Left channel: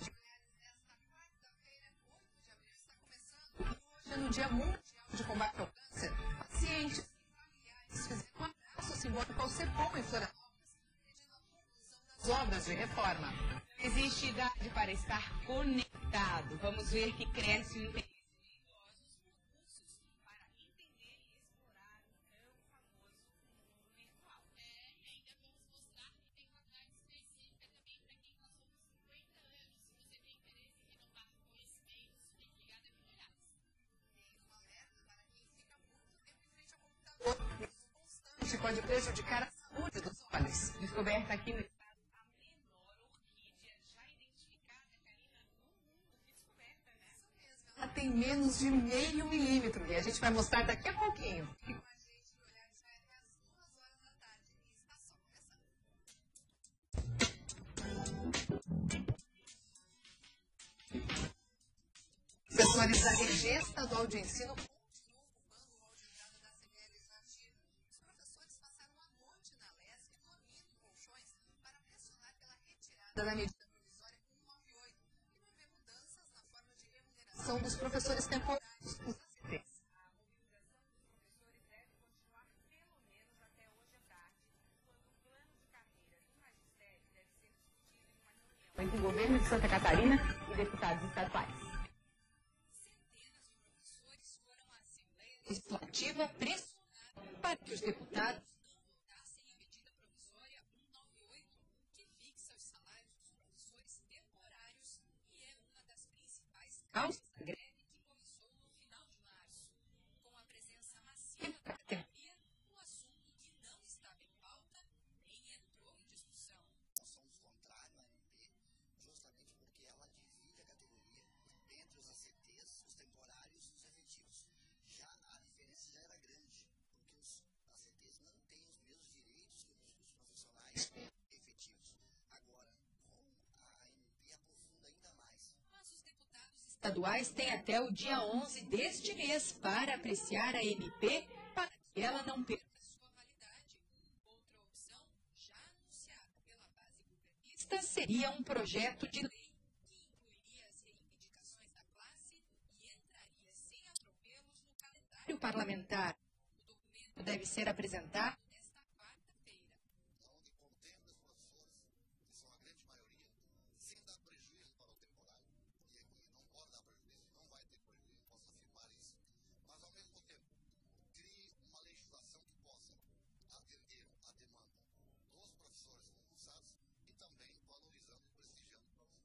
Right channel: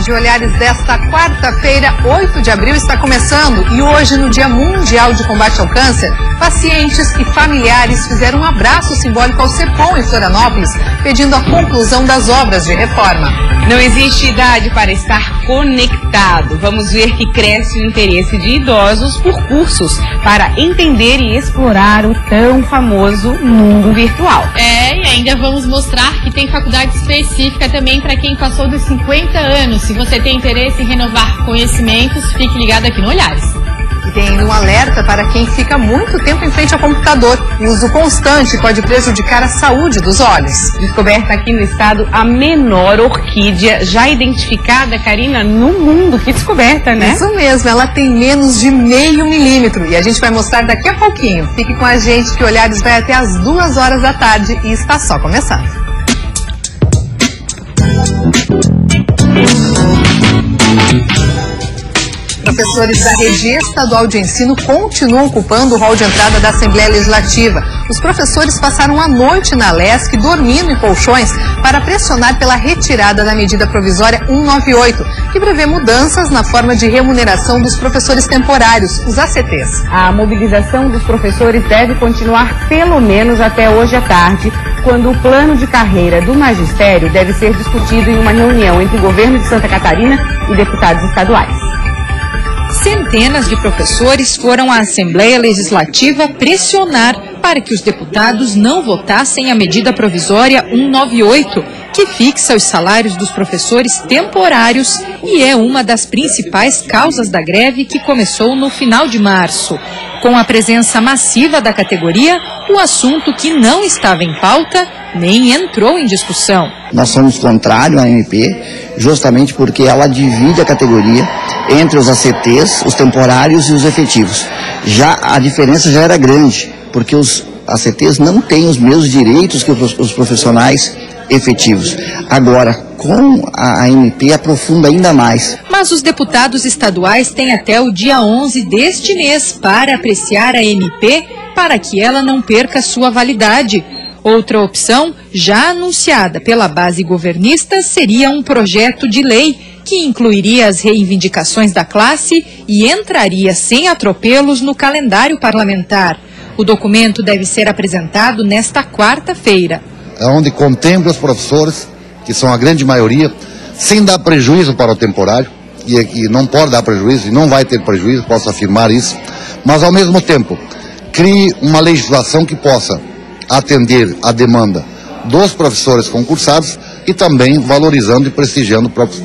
tarde, Olhares desta quarta-feira, 8 de abril, está começando. E hoje, no Dia Mundial de Combate ao Câncer, pacientes e familiares fizeram um abraço simbólico ao CEPOM em Florianópolis, pedindo a conclusão das obras de reforma. Não existe idade para estar conectado. Vamos ver que cresce o interesse de idosos por cursos para entender e explorar o tão famoso mundo virtual. E ainda vamos mostrar que tem faculdade específica também para quem passou dos 50 anos. Se você tem interesse em renovar conhecimentos, fique ligado aqui no Olhares. E tem ainda um alerta para quem fica muito tempo em frente ao computador. O uso constante pode prejudicar a saúde dos olhos. Descoberta aqui no estado a menor orquídea já identificada, Karina, no mundo. Que descoberta, né? Isso mesmo, ela tem menos de 0,5 milímetro. E a gente vai mostrar daqui a pouquinho. Fique com a gente que Olhares vai até às 2 horas da tarde e está só começando. Professores da Rede Estadual de Ensino continuam ocupando o hall de entrada da Assembleia Legislativa. Os professores passaram a noite na LESC, dormindo em colchões, para pressionar pela retirada da medida provisória 198, que prevê mudanças na forma de remuneração dos professores temporários, os ACTs. A mobilização dos professores deve continuar pelo menos até hoje à tarde, quando o plano de carreira do magistério deve ser discutido em uma reunião entre o governo de Santa Catarina e deputados estaduais. Centenas de professores foram à Assembleia Legislativa pressionar para que os deputados não votassem a medida provisória 198, que fixa os salários dos professores temporários e é uma das principais causas da greve que começou no final de março. Com a presença massiva da categoria, o assunto que não estava em pauta nem entrou em discussão. Nós somos contrários à MP, justamente porque ela divide a categoria entre os ACTs, os temporários e os efetivos. Já a diferença já era grande, porque os ACTs não têm os mesmos direitos que os profissionais efetivos. Agora, com a MP, aprofunda ainda mais. Mas os deputados estaduais têm até o dia 11 deste mês para apreciar a MP para que ela não perca sua validade. Outra opção, já anunciada pela base governista, seria um projeto de lei que incluiria as reivindicações da classe e entraria sem atropelos no calendário parlamentar. O documento deve ser apresentado nesta quarta-feira. É onde contempla os professores, que são a grande maioria, sem dar prejuízo para o temporário, e não pode dar prejuízo, e não vai ter prejuízo, posso afirmar isso, mas ao mesmo tempo, crie uma legislação que possa atender a demanda dos professores concursados e também valorizando e prestigiando o próprio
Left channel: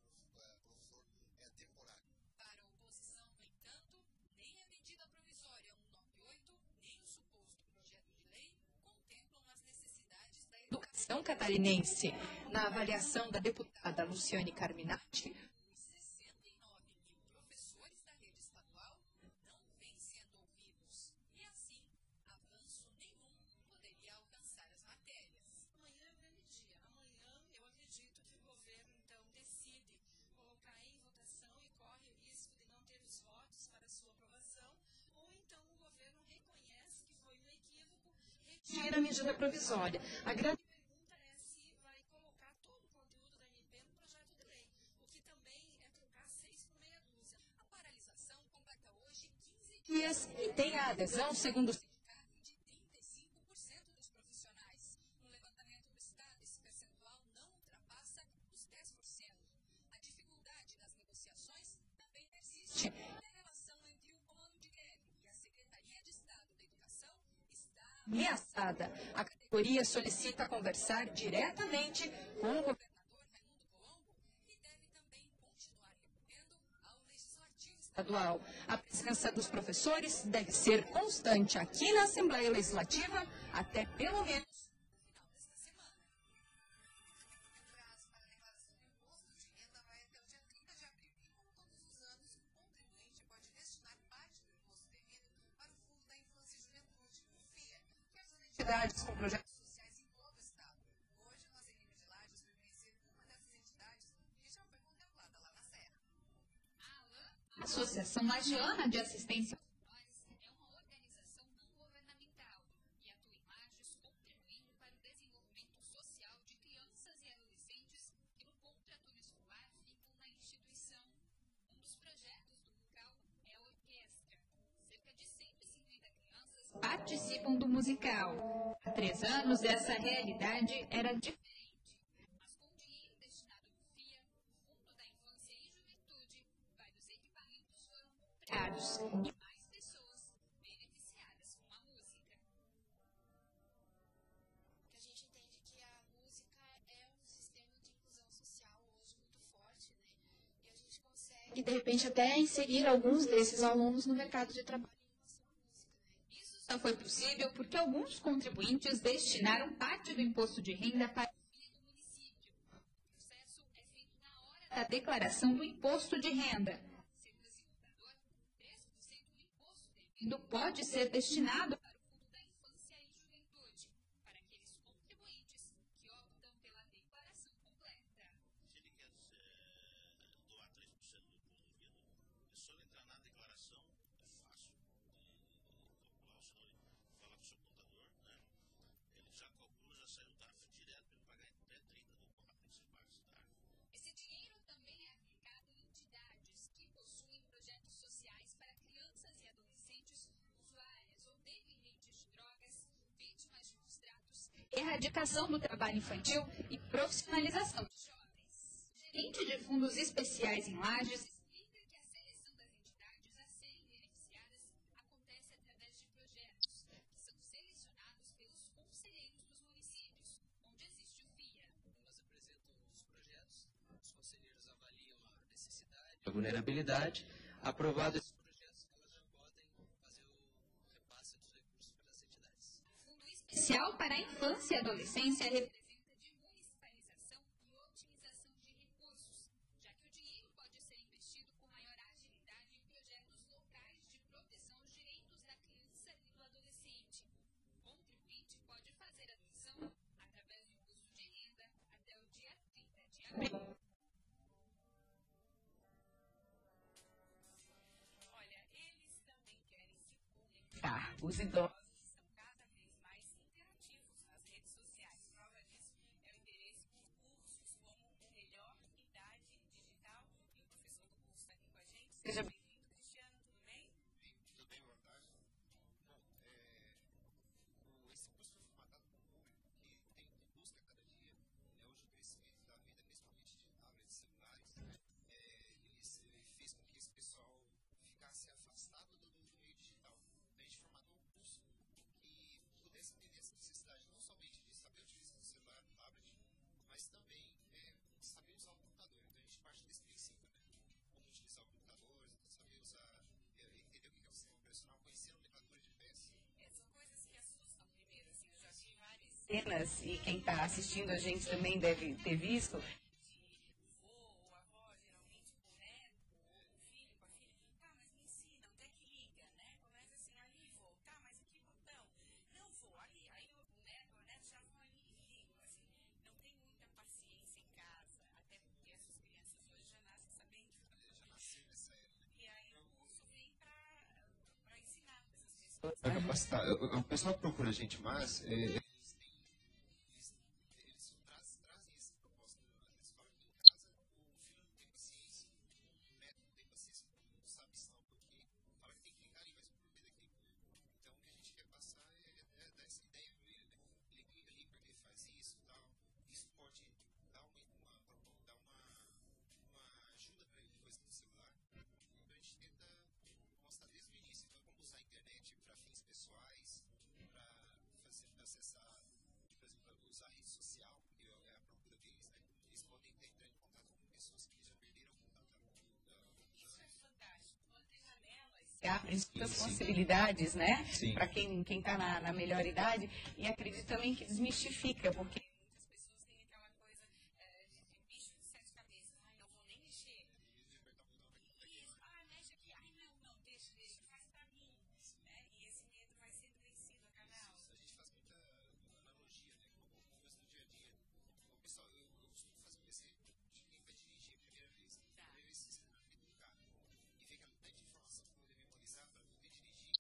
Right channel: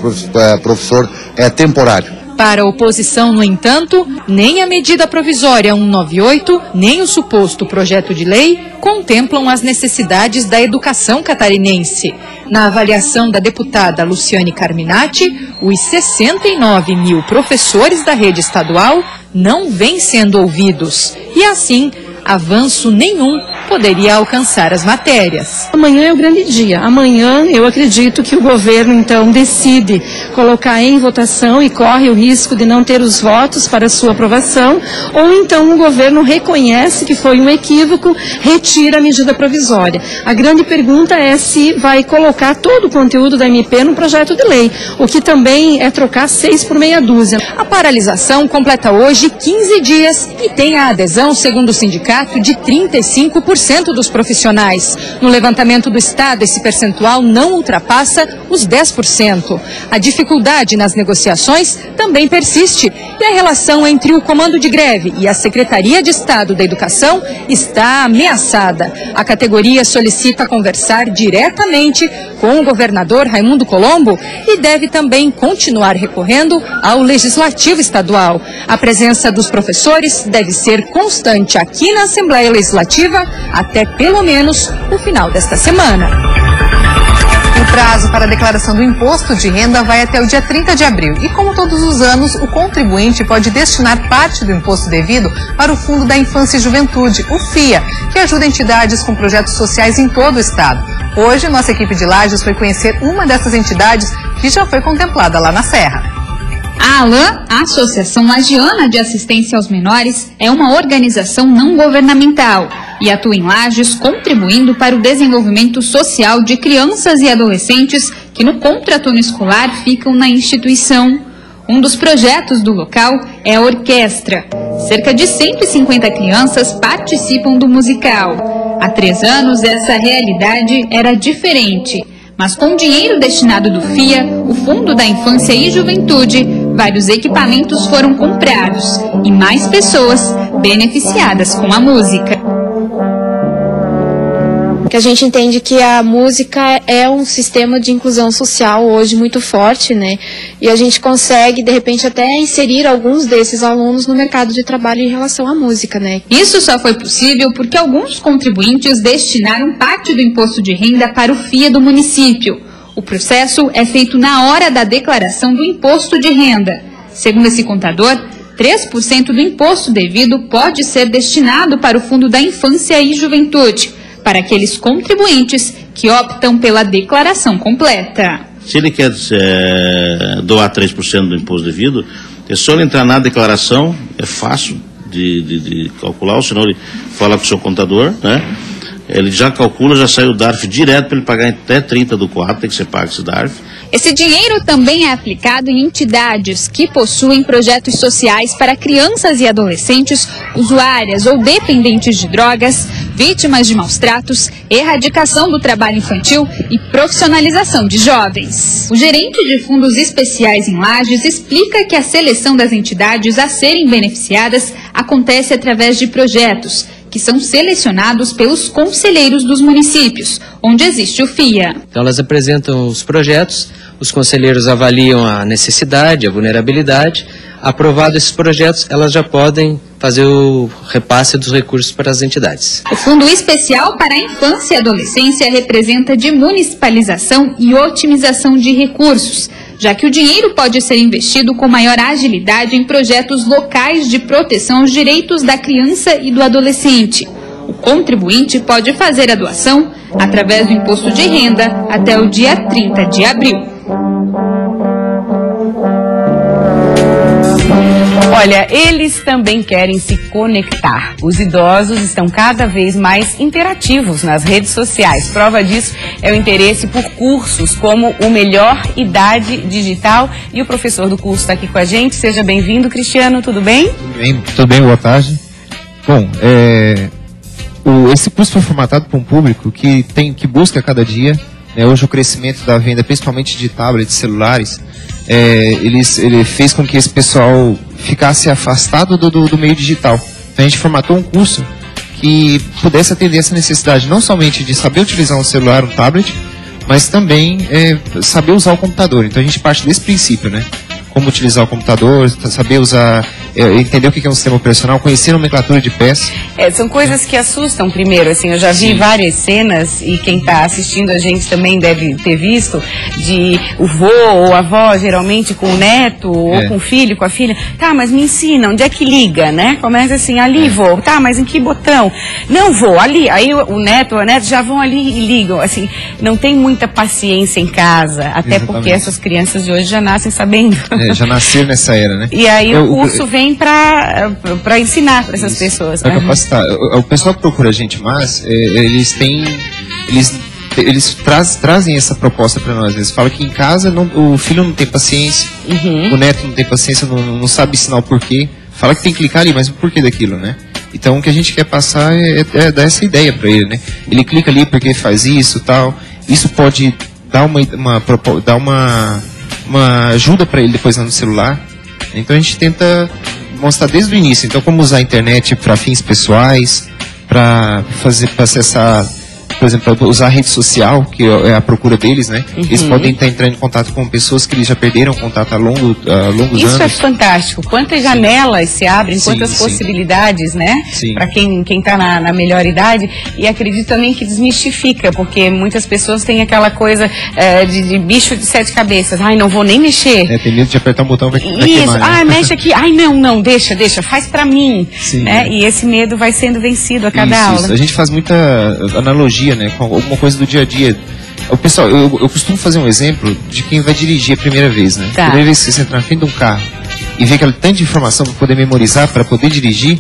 professor temporário. Para a oposição, no entanto, nem a medida provisória 198, nem o suposto projeto de lei contemplam as necessidades da educação catarinense. Na avaliação da deputada Luciane Carminati, os 69 mil professores da rede estadual não vêm sendo ouvidos. E assim, avanço nenhum poderia alcançar as matérias. Amanhã é o grande dia. Amanhã eu acredito que o governo então decide colocar em votação e corre o risco de não ter os votos para sua aprovação, ou então o governo reconhece que foi um equívoco, retira a medida provisória. A grande pergunta é se vai colocar todo o conteúdo da MP no projeto de lei, o que também é trocar 6 por meia dúzia. A paralisação completa hoje 15 dias e tem a adesão, segundo o sindicato, de 35% dos profissionais. No levantamento do Estado, esse percentual não ultrapassa os 10%. A dificuldade nas negociações também persiste e a relação entre o comando de greve e a Secretaria de Estado da Educação está ameaçada. A categoria solicita conversar diretamente com o governador Raimundo Colombo e deve também continuar recorrendo ao Legislativo Estadual. A presença dos professores deve ser constante aqui na Assembleia Legislativa até pelo menos o final desta semana. O prazo para a declaração do imposto de renda vai até o dia 30 de abril. E como todos os anos, o contribuinte pode destinar parte do imposto devido para o Fundo da Infância e Juventude, o FIA, que ajuda entidades com projetos sociais em todo o estado. Hoje, nossa equipe de Lages foi conhecer uma dessas entidades que já foi contemplada lá na Serra. A ALAN, a Associação Lagiana de Assistência aos Menores, é uma organização não governamental e atua em Lages, contribuindo para o desenvolvimento social de crianças e adolescentes que no contraturno escolar ficam na instituição. Um dos projetos do local é a orquestra. Cerca de 150 crianças participam do musical. Há 3 anos, essa realidade era diferente. Mas com o dinheiro destinado do FIA, o Fundo da Infância e Juventude, vários equipamentos foram comprados e mais pessoas beneficiadas com a música. Que a gente entende que a música é um sistema de inclusão social hoje muito forte, né? E a gente consegue, de repente, até inserir alguns desses alunos no mercado de trabalho em relação à música, né? Isso só foi possível porque alguns contribuintes destinaram parte do imposto de renda para o FIA do município. O processo é feito na hora da declaração do imposto de renda. Segundo esse contador, 3% do imposto devido pode ser destinado para o Fundo da Infância e Juventude, para aqueles contribuintes que optam pela declaração completa. Se ele quer doar 3% do imposto devido, é só ele entrar na declaração, é fácil de calcular, ou senão ele fala com o seu contador, né? Ele já calcula, já sai o DARF direto para ele pagar até 30/4, tem que ser pago esse DARF. Esse dinheiro também é aplicado em entidades que possuem projetos sociais para crianças e adolescentes usuárias ou dependentes de drogas, vítimas de maus tratos, erradicação do trabalho infantil e profissionalização de jovens. O gerente de fundos especiais em Lages explica que a seleção das entidades a serem beneficiadas acontece através de projetos que são selecionados pelos conselheiros dos municípios, onde existe o FIA. Então elas apresentam os projetos, os conselheiros avaliam a necessidade, a vulnerabilidade. Aprovados esses projetos, elas já podem fazer o repasse dos recursos para as entidades. O Fundo Especial para a Infância e Adolescência representa de municipalização e otimização de recursos, já que o dinheiro pode ser investido com maior agilidade em projetos locais de proteção aos direitos da criança e do adolescente. O contribuinte pode fazer a doação através do imposto de renda até o dia 30 de abril. Olha, eles também querem se conectar. Os idosos estão cada vez mais interativos nas redes sociais. Prova disso é o interesse por cursos como o Melhor Idade Digital. E o professor do curso está aqui com a gente. Seja bem-vindo, Cristiano. Tudo bem? Tudo bem, boa tarde. Bom, esse curso foi formatado para um público que busca cada dia. Hoje o crescimento da venda, principalmente de tablets, celulares, ele fez com que esse pessoal ficasse afastado do meio digital. Então a gente formatou um curso que pudesse atender essa necessidade, não somente de saber utilizar um celular, um tablet, mas também saber usar o computador. Então a gente parte desse princípio, né? Como utilizar o computador, saber usar, entender o que é um sistema operacional, conhecer a nomenclatura de peças. São coisas que assustam primeiro, assim, eu já vi várias cenas, e quem está assistindo a gente também deve ter visto, de o vô ou a avó, geralmente com o neto, ou com o filho, com a filha, tá, mas me ensina, onde é que liga, né? Começa assim, ali vô, tá, mas em que botão? Não vô, ali, aí o neto ou a neta já vão ali e ligam, assim, não tem muita paciência em casa, até porque essas crianças de hoje já nascem sabendo. Já nasceram nessa era, né? E aí o curso vem para ensinar para essas pessoas. Para capacitar. O pessoal que procura a gente mais, eles trazem essa proposta para nós. Eles falam que em casa o filho não tem paciência, o neto não tem paciência, não sabe ensinar o porquê. Fala que tem que clicar ali, mas o porquê daquilo, né? Então o que a gente quer passar é dar essa ideia para ele, né? Ele clica ali porque faz isso, tal. Isso pode dar uma ajuda para ele depois no celular. Então a gente tenta mostrar desde o início, então como usar a internet para fins pessoais, para acessar, por exemplo, para usar a rede social, que é a procura deles, né? Eles podem estar entrando em contato com pessoas que eles já perderam contato há longos anos. Isso é fantástico. Quantas janelas se abrem, quantas possibilidades, né? Para quem está na melhor idade. E acredito também que desmistifica, porque muitas pessoas têm aquela coisa de bicho de 7 cabeças. Ai, não vou nem mexer. Tem medo de apertar um botão, vai queimar, né? Mexe aqui. Ai, não, deixa, faz para mim. Né? E esse medo vai sendo vencido a cada aula. Isso. A gente faz muita analogia, né, com alguma coisa do dia a dia. O pessoal, eu costumo fazer um exemplo de quem vai dirigir a primeira vez, né? A primeira vez que você entra na frente de um carro e vê aquela tanta informação para poder memorizar, para poder dirigir,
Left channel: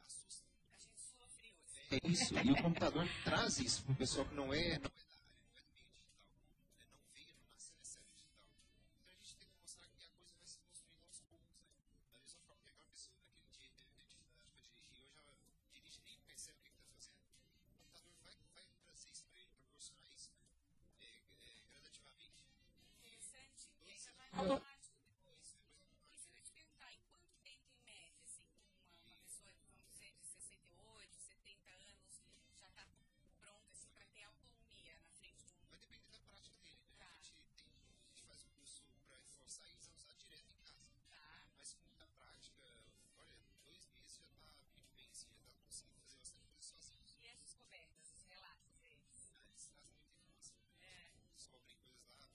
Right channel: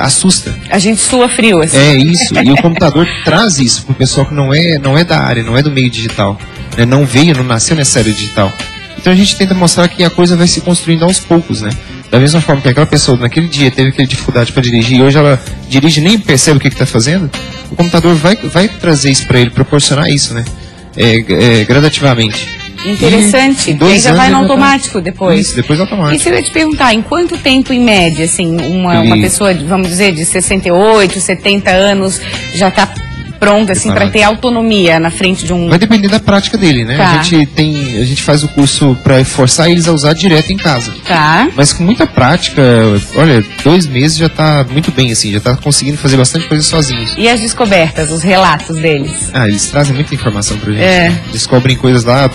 assusta. A gente sua frio, assim. É isso. E o computador traz isso para o pessoal que não é da área, não é do meio digital. né? Não veio, não nasceu nessa era digital. Então a gente tenta mostrar que a coisa vai se construindo aos poucos, né? Da mesma forma que aquela pessoa naquele dia teve aquela dificuldade para dirigir e hoje ela dirige e nem percebe o que está fazendo, o computador vai trazer isso para ele, proporcionar isso, né? Gradativamente. Interessante. E aí já vai no automático depois. Isso, depois automático. E se eu ia te perguntar, em quanto tempo em média, assim, uma pessoa, vamos dizer, de 68, 70 anos já está pronta, assim, para ter autonomia na frente de um... Vai depender da prática dele, né? Tá. A gente faz o curso para forçar eles a usar direto em casa. Tá. Mas com muita prática, olha, 2 meses já tá muito bem, assim, já tá conseguindo fazer bastante coisa sozinhos. E as descobertas, os relatos deles? Eles trazem muita informação pra gente. Descobrem coisas lá.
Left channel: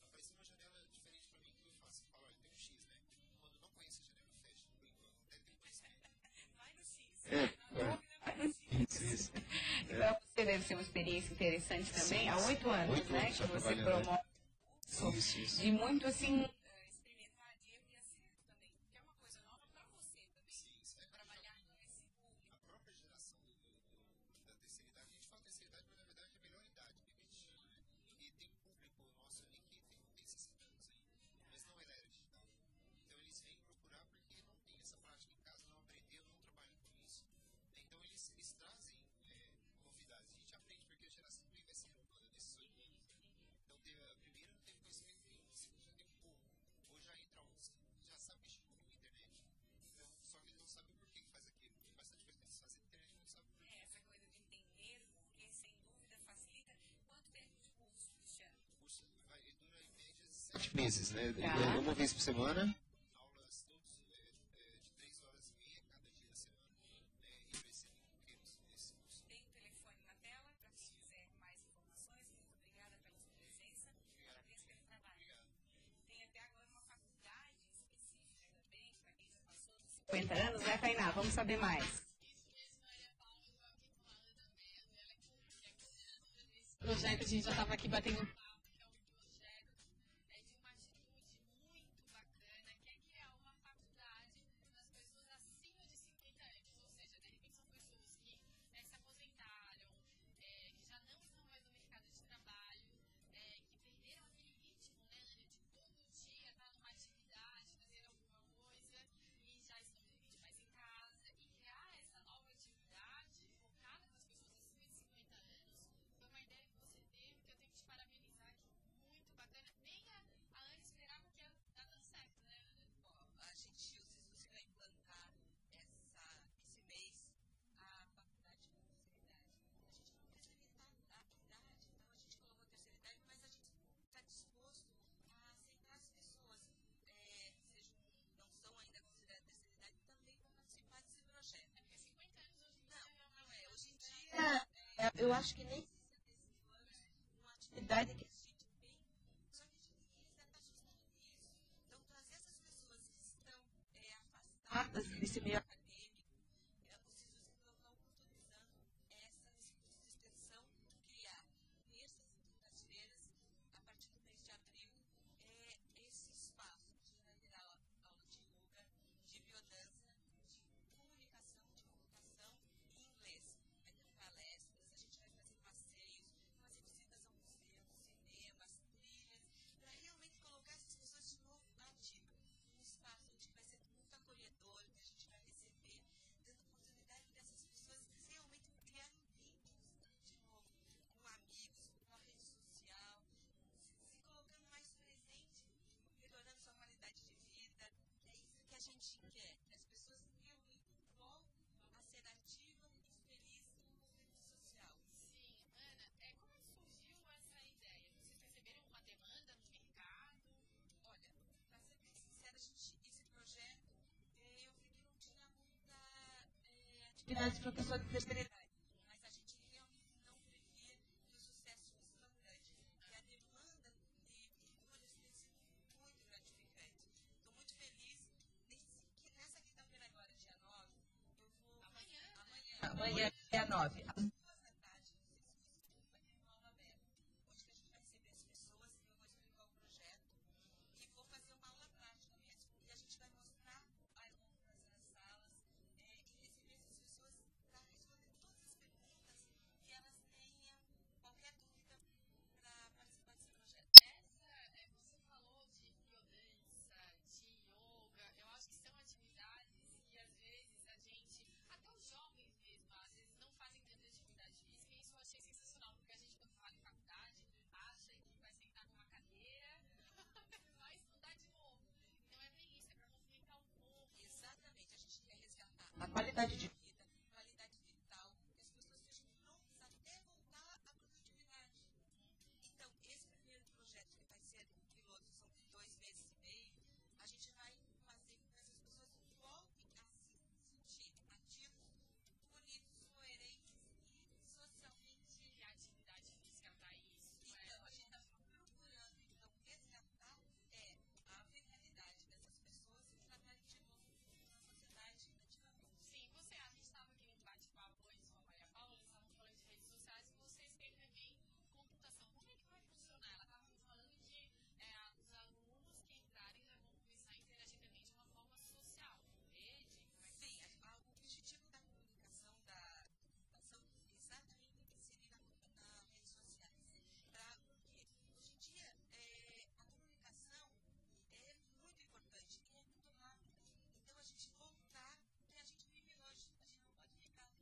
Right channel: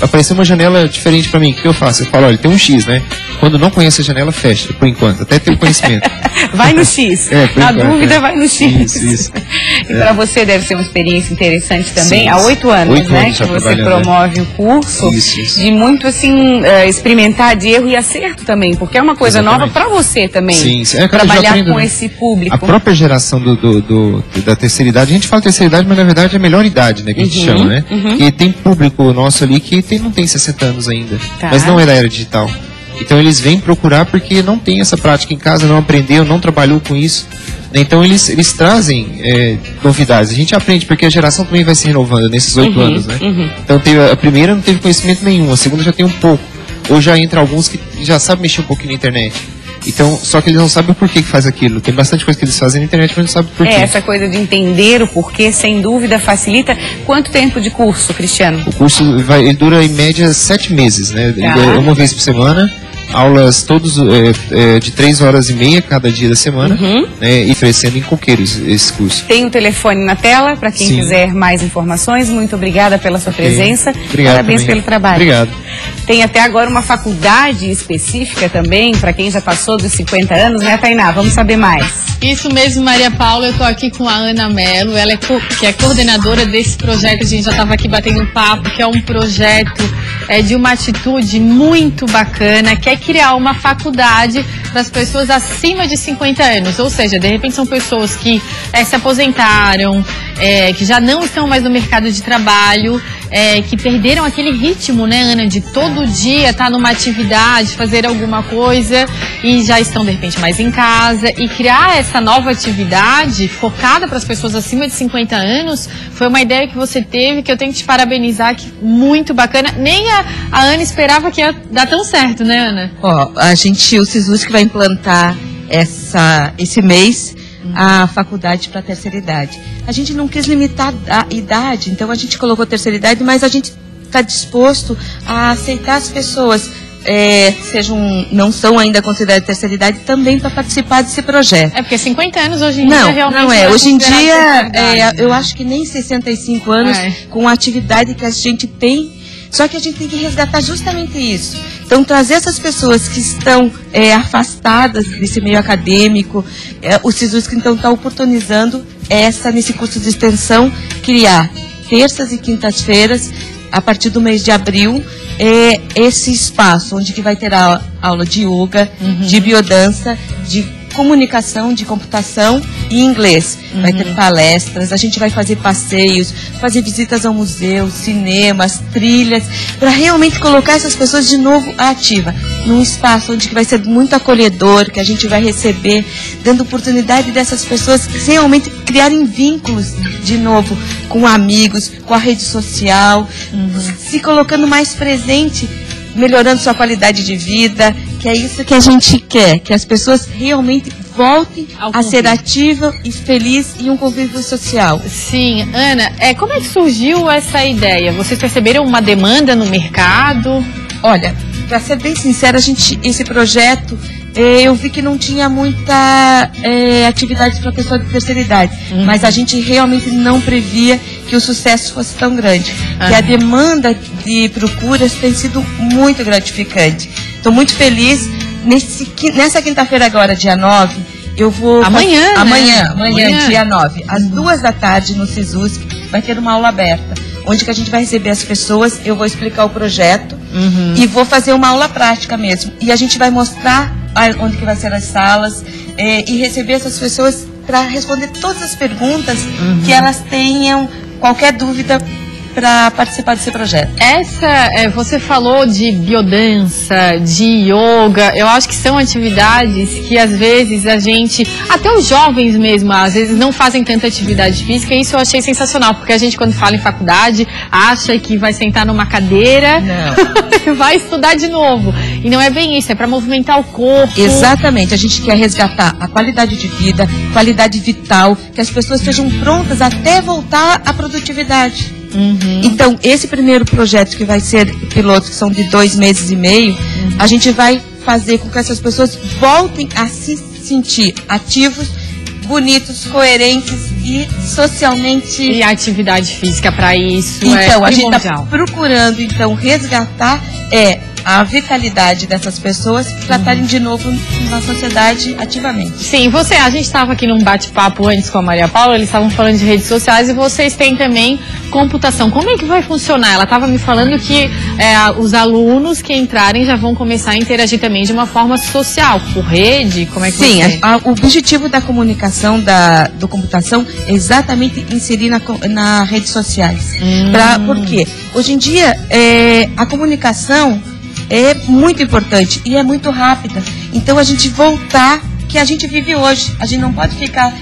Apareceu uma janela diferente pra mim, o que eu faço? Eu falo, olha, tem um X, né? Quando não conhece a janela, fecha, por enquanto, até ter o conhecimento. Vai no X. Na dúvida, vai no X. Isso. E para você deve ser uma experiência interessante também. Sim, há 8 anos, 8 né, anos que você trabalhando, promove o curso. Isso. De muito, assim, experimentar de erro e acerto também, porque é uma coisa nova para você também. Sim. Trabalhar aprendo, com né? esse público. A própria geração da terceira idade, a gente fala terceira idade, mas na verdade é a melhor idade, né, que a gente chama, né? E tem público nosso ali que não tem 60 anos ainda, mas não é da era digital. Então eles vêm procurar porque não tem essa prática em casa, não aprendeu, não trabalhou com isso. Então eles trazem novidades. A gente aprende porque a geração também vai se renovando nesses 8 anos, né? Então a primeira não teve conhecimento nenhum, a segunda já tem um pouco. Ou já entra alguns que já sabem mexer um pouquinho na internet. Então, só que eles não sabem o porquê que faz aquilo. Tem bastante coisa que eles fazem na internet, mas não sabem o porquê. Essa coisa de entender o porquê, sem dúvida, facilita. Quanto tempo de curso, Cristiano? O curso ele dura em média 7 meses, né? Uma vez por semana. Aulas todos de 3 horas e meia cada dia da semana, né, e oferecendo em Coqueiros esse curso. Tem o telefone na tela para quem quiser mais informações. Muito obrigada pela sua presença. Obrigado. Parabéns pelo trabalho. Obrigado. Tem até agora uma faculdade específica também para quem já passou dos 50 anos, né, Tainá? Vamos saber mais. Isso mesmo, Maria Paula. Eu estou aqui com a Ana Mello, ela que é coordenadora desse projeto. A gente já estava aqui batendo um papo, que é um projeto de uma atitude muito bacana, que é criar uma faculdade para as pessoas acima de 50 anos. Ou seja, de repente são pessoas que se aposentaram, que já não estão mais no mercado de trabalho, que perderam aquele ritmo, né, Ana, de todo dia estar numa atividade, fazer alguma coisa e já estão, de repente, mais em casa. E criar essa nova atividade focada para as pessoas acima de 50 anos foi uma ideia que você teve, que eu tenho que te parabenizar, que muito bacana. Nem a Ana esperava que ia dar tão certo, né, Ana? O SISUSC vai implantar esse mês a faculdade para a terceira idade. A gente não quis limitar a idade, então a gente colocou a terceira idade, mas a gente está disposto a aceitar as pessoas, não são ainda consideradas terceira idade, também para participar desse projeto. Porque 50 anos hoje em dia realmente não é. Hoje em dia, eu eu acho que nem 65 anos com a atividade que a gente tem. Só que a gente tem que resgatar justamente isso. Então, trazer essas pessoas que estão afastadas desse meio acadêmico, o SISUSC, então, está oportunizando nesse curso de extensão, criar terças e quintas-feiras, a partir do mês de abril, esse espaço onde que vai ter aula de yoga, de biodança, de comunicação, de computação e inglês. Vai ter palestras, a gente vai fazer passeios, fazer visitas ao museu, cinemas, trilhas, para realmente colocar essas pessoas de novo ativa, num espaço onde que vai ser muito acolhedor, que a gente vai receber, dando oportunidade dessas pessoas realmente criarem vínculos de novo com amigos, com a rede social, se colocando mais presente, melhorando sua qualidade de vida, que é isso que a gente quer, que as pessoas realmente voltem a ser ativas e felizes em um convívio social. Sim, Ana, como é que surgiu essa ideia? Vocês perceberam uma demanda no mercado? Olha, para ser bem sincera, esse projeto, eu vi que não tinha muita atividade para pessoa de terceira idade, mas a gente realmente não previa que o sucesso fosse tão grande, que a demanda de procuras tem sido muito gratificante. Estou muito feliz. Nessa quinta-feira agora, dia 9, eu vou... Amanhã, dia 9, às 2 da tarde no SISUSC, vai ter uma aula aberta, onde que a gente vai receber as pessoas, eu vou explicar o projeto e vou fazer uma aula prática mesmo. E a gente vai mostrar onde que vai ser as salas e receber essas pessoas para responder todas as perguntas que elas tenham, qualquer dúvida para participar desse projeto. Você falou de biodança, de yoga, eu acho que são atividades que às vezes a gente, até os jovens mesmo, às vezes não fazem tanta atividade física, e isso eu achei sensacional, porque a gente quando fala em faculdade, acha que vai sentar numa cadeira e vai estudar de novo. E não é bem isso, é para movimentar o corpo. Exatamente, a gente quer resgatar a qualidade de vida, qualidade vital, que as pessoas estejam prontas até voltar à produtividade. Então, esse primeiro projeto que vai ser piloto, que são de 2 meses e meio, a gente vai fazer com que essas pessoas voltem a se sentir ativos, bonitos, coerentes e socialmente... E a atividade física para isso então, é a gente primordial. está procurando, então, resgatar a vitalidade dessas pessoas para estarem de novo na sociedade ativamente. Sim, a gente estava aqui num bate-papo antes com a Maria Paula, eles estavam falando de redes sociais e vocês têm também computação. Como é que vai funcionar? Ela estava me falando que os alunos que entrarem já vão começar a interagir também de uma forma social, por rede, como é que Sim, o objetivo da comunicação, do computação, é exatamente inserir nas redes sociais. Por quê? Hoje em dia, a comunicação é muito importante e é muito rápida. Então a gente voltar que a gente vive hoje. A gente não pode ficar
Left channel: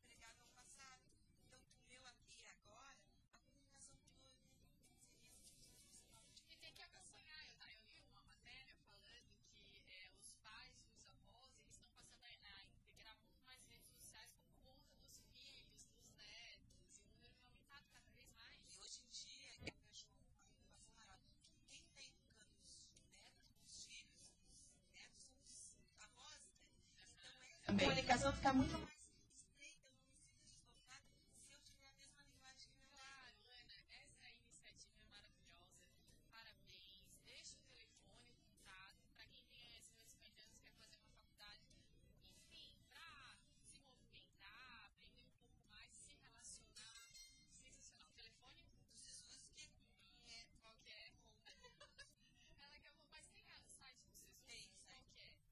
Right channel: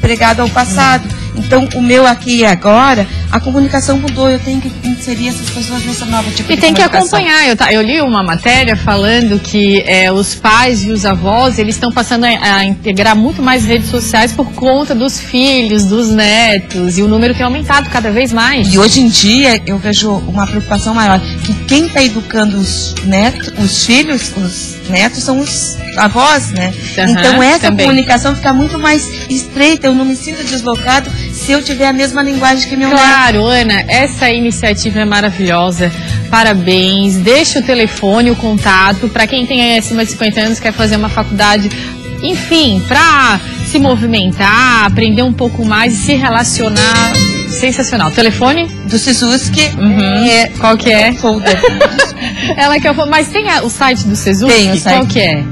pregado ao passado. Então o meu aqui e agora, a comunicação mudou. Eu tenho que inserir essas pessoas nessa nova tipo de comunicação. E tem que acompanhar. Eu li uma matéria falando que os pais e os avós, eles estão passando a integrar muito mais redes sociais por conta dos filhos, dos netos. E o número tem aumentado cada vez mais. E hoje em dia eu vejo uma preocupação maior, que quem está educando os filhos, os netos, são os avós, né? Então essa comunicação fica muito mais estreita. Eu não me sinto deslocado se eu tiver a mesma linguagem que meu neto. Claro, Ana, essa iniciativa é maravilhosa. Parabéns. Deixa o telefone, o contato, para quem tem acima de 50 anos, quer fazer uma faculdade, enfim, para se movimentar, aprender um pouco mais e se relacionar. Sensacional. Telefone? Do Sezuski. Qual que é? Folder. Ela que mas tem o site do Sezuski? Tem o site. Qual que é?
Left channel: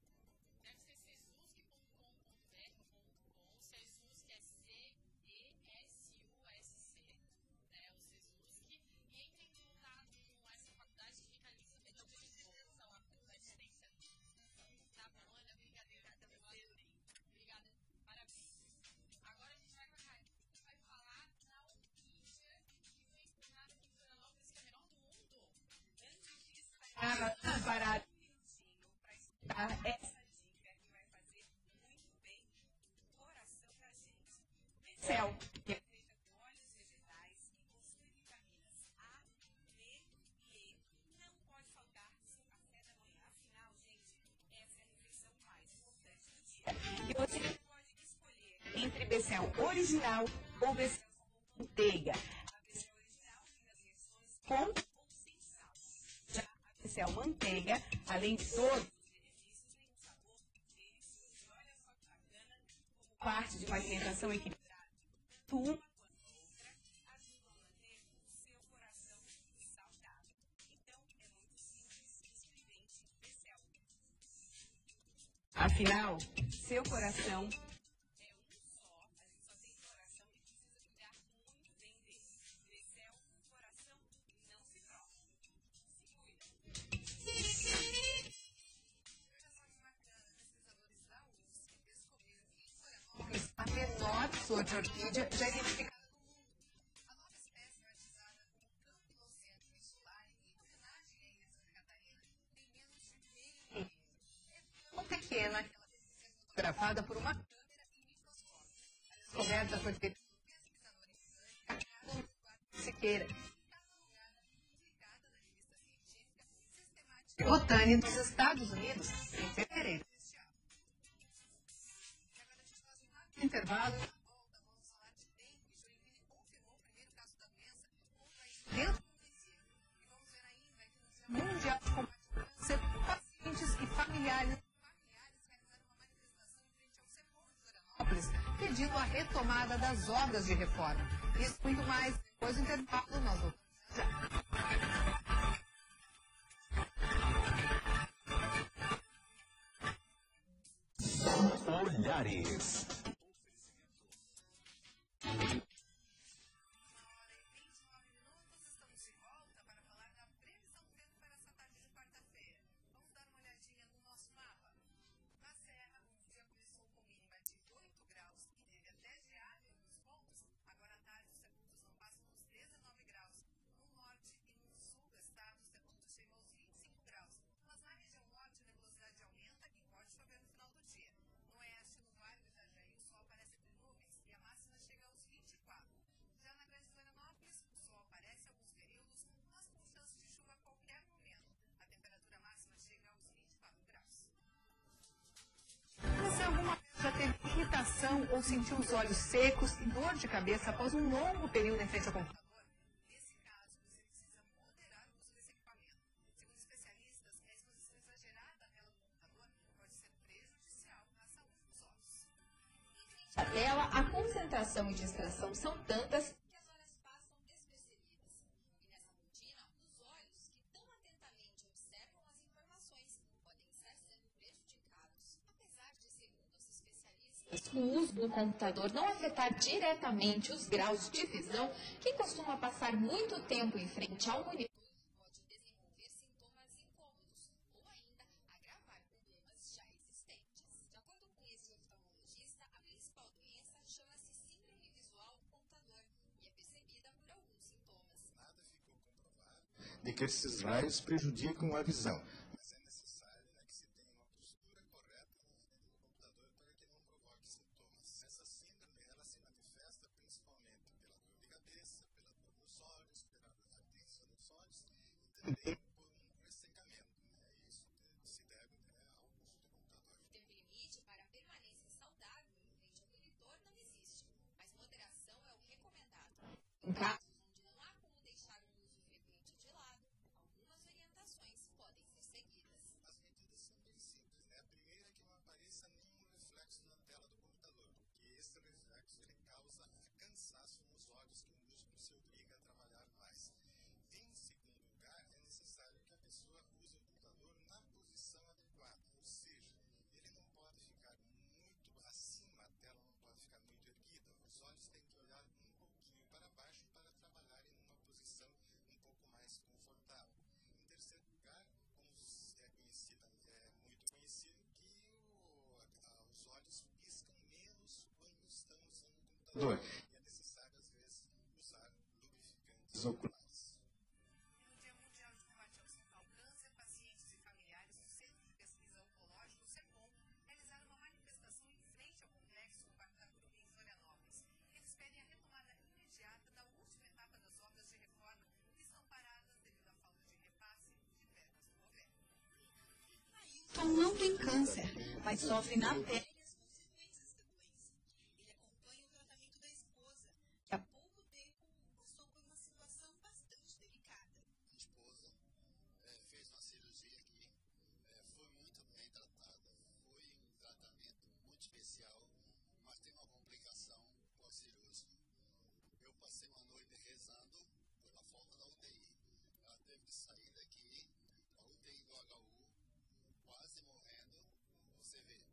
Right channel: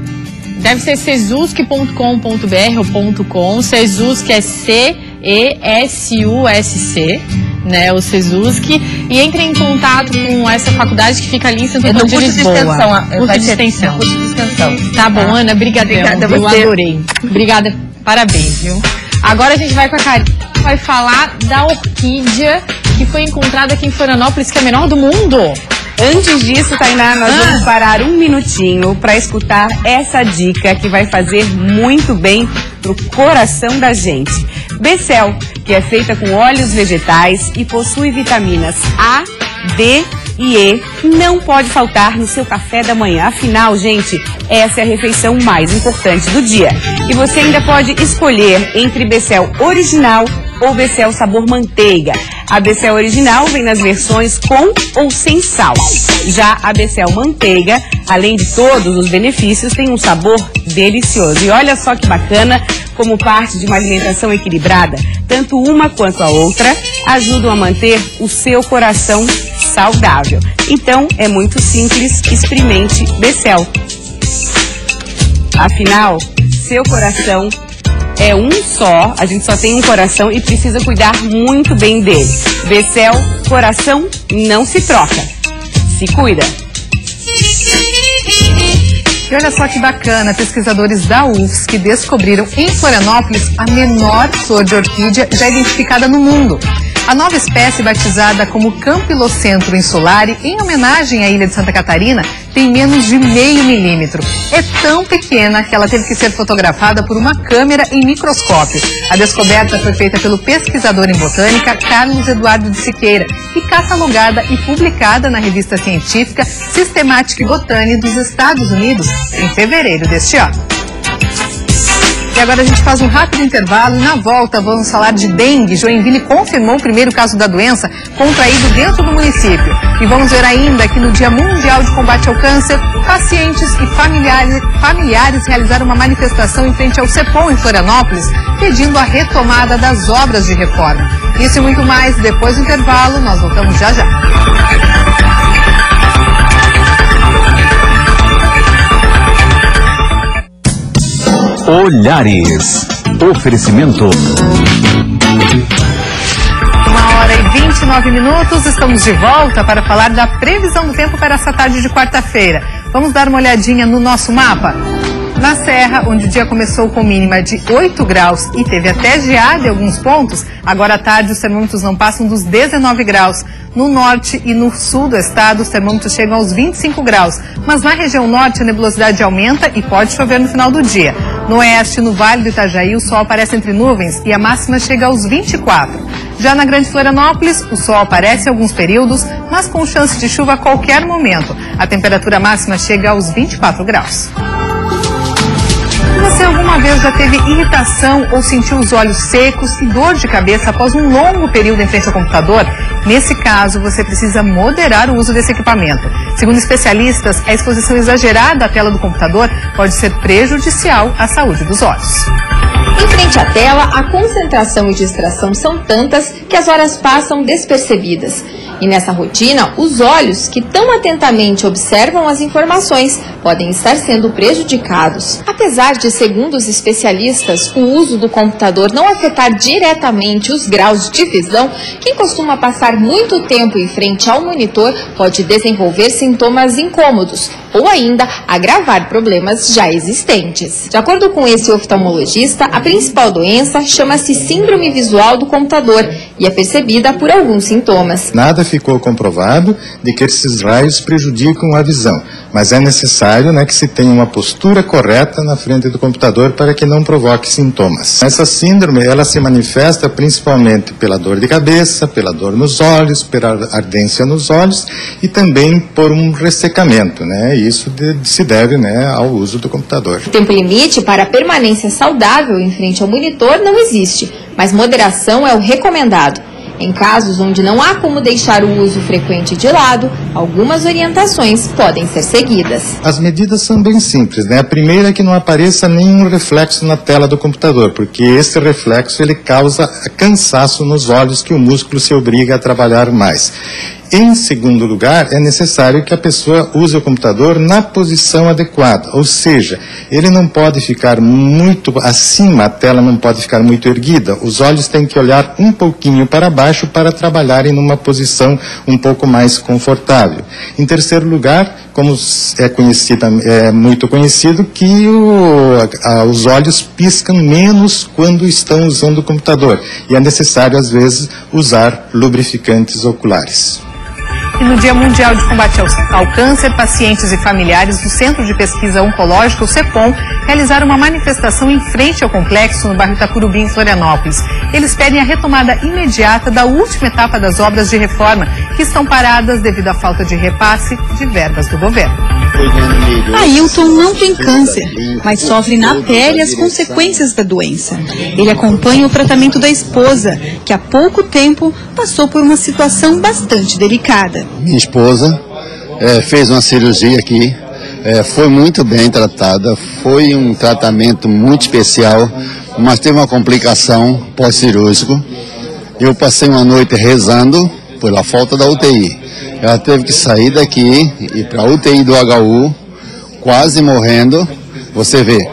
Deve ser sezuski.com.br ou .com. Sezuski é C-E-S-U-S-C, né? O Sezuski. E entre em contato com essa faculdade que fica ali em Santo Antônio de Lisboa. Curso de extensão. Curso de extensão. Tá bom, Ana, brigadão. Obrigada, eu adorei. Obrigada, parabéns, viu? Agora a gente vai com a Karine, vai falar da orquídea que foi encontrada aqui em Florianópolis, que é a menor do mundo. Antes disso, Tainá, nós vamos parar um minutinho para escutar essa dica que vai fazer muito bem pro coração da gente. Becel, que é feita com óleos vegetais e possui vitaminas A, D e E, não pode faltar no seu café da manhã. Afinal, gente, essa é a refeição mais importante do dia. E você ainda pode escolher entre Becel original ou Becel sabor manteiga. A Becel original vem nas versões com ou sem sal. Já a Becel manteiga, além de todos os benefícios, tem um sabor delicioso. E olha só que bacana, como parte de uma alimentação equilibrada, tanto uma quanto a outra ajudam a manter o seu coração saudável. Então, é muito simples, experimente Becel. Afinal, seu coração é um só, a gente só tem um coração e precisa cuidar muito bem dele. Becel, coração não se troca. Se cuida. E olha só que bacana, pesquisadores da UFSC descobriram em Florianópolis a menor flor de orquídea já identificada no mundo. A nova espécie, batizada como Campylocentrum insulare, em homenagem à ilha de Santa Catarina, tem menos de 0,5 milímetro. É tão pequena que ela teve que ser fotografada por uma câmera em microscópio. A descoberta foi feita pelo pesquisador em botânica Carlos Eduardo de Siqueira e catalogada e publicada na revista científica Systematic Botany dos Estados Unidos em fevereiro deste ano. E agora a gente faz um rápido intervalo e na volta vamos falar de dengue. Joinville confirmou o primeiro caso da doença contraído dentro do município. E vamos ver ainda que no Dia Mundial de Combate ao Câncer, pacientes e familiares realizaram uma manifestação em frente ao CEPOM em Florianópolis, pedindo a retomada das obras de reforma. Isso e muito mais depois do intervalo, nós voltamos já já. Olhares. Oferecimento. 1h20 29 minutos, estamos de volta para falar da previsão do tempo para essa tarde de quarta-feira. Vamos dar uma olhadinha no nosso mapa? Na Serra, onde o dia começou com mínima de 8 graus e teve até geada em alguns pontos, agora à tarde os termômetros não passam dos 19 graus. No norte e no sul do estado, os termômetros chegam aos 25 graus. Mas na região norte, a nebulosidade aumenta e pode chover no final do dia. No oeste, no Vale do Itajaí, o sol aparece entre nuvens e a máxima chega aos 24. Já na Grande Florianópolis, o sol aparece em alguns períodos, mas com chance de chuva a qualquer momento. A temperatura máxima chega aos 24 graus. Você alguma vez já teve irritação ou sentiu os olhos secos e dor de cabeça após um longo período em frente ao computador? Nesse caso, você precisa moderar o uso desse equipamento. Segundo especialistas, a exposição exagerada à tela do computador pode ser prejudicial à saúde dos olhos. Em frente à tela, a concentração e distração são tantas que as horas passam despercebidas. E nessa rotina, os olhos, que tão atentamente observam as informações, podem estar sendo prejudicados. Apesar de, segundo os especialistas, o uso do computador não afetar diretamente os graus de visão, quem costuma passar muito tempo em frente ao monitor pode desenvolver sintomas incômodos ou ainda agravar problemas já existentes. De acordo com esse oftalmologista, a principal doença chama-se síndrome visual do computador e é percebida por alguns sintomas. Nada ficou comprovado de que esses raios prejudicam a visão, mas é necessário, que se tenha uma postura correta na frente do computador para que não provoque sintomas. Essa síndrome, ela se manifesta principalmente pela dor de cabeça, pela dor nos olhos, pela ardência nos olhos e também por um ressecamento, Isso se deve, ao uso do computador. O tempo limite para a permanência saudável em frente ao monitor não existe, mas moderação é o recomendado. Em casos onde não há como deixar o uso frequente de lado, algumas orientações podem ser seguidas. As medidas são bem simples, A primeira é que não apareça nenhum reflexo na tela do computador, porque esse reflexo ele causa cansaço nos olhos, que o músculo se obriga a trabalhar mais. Em segundo lugar, é necessário que a pessoa use o computador na posição adequada, ou seja, ele não pode ficar muito acima, a tela não pode ficar muito erguida, os olhos têm que olhar um pouquinho para baixo para trabalharem numa posição um pouco mais confortável. Em terceiro lugar, como é muito conhecido, que os olhos piscam menos quando estão usando o computador, e é necessário, às vezes, usar lubrificantes oculares. E no Dia Mundial de Combate ao Câncer, pacientes e familiares do Centro de Pesquisa Oncológica, o CEPOM, realizaram uma manifestação em frente ao complexo no bairro Itacurubi, em Florianópolis. Eles pedem a retomada imediata da última etapa das obras de reforma, que estão paradas devido à falta de repasse de verbas do governo. Ailton não tem câncer, mas sofre na pele as consequências da doença. Ele acompanha o tratamento da esposa, que há pouco tempo passou por uma situação bastante delicada. Minha esposa fez uma cirurgia aqui, foi muito bem tratada, foi um tratamento muito especial, mas teve uma complicação pós-cirúrgico. Eu passei uma noite rezando pela falta da UTI. Ela teve que sair daqui e ir para a UTI do HU, quase morrendo. Você vê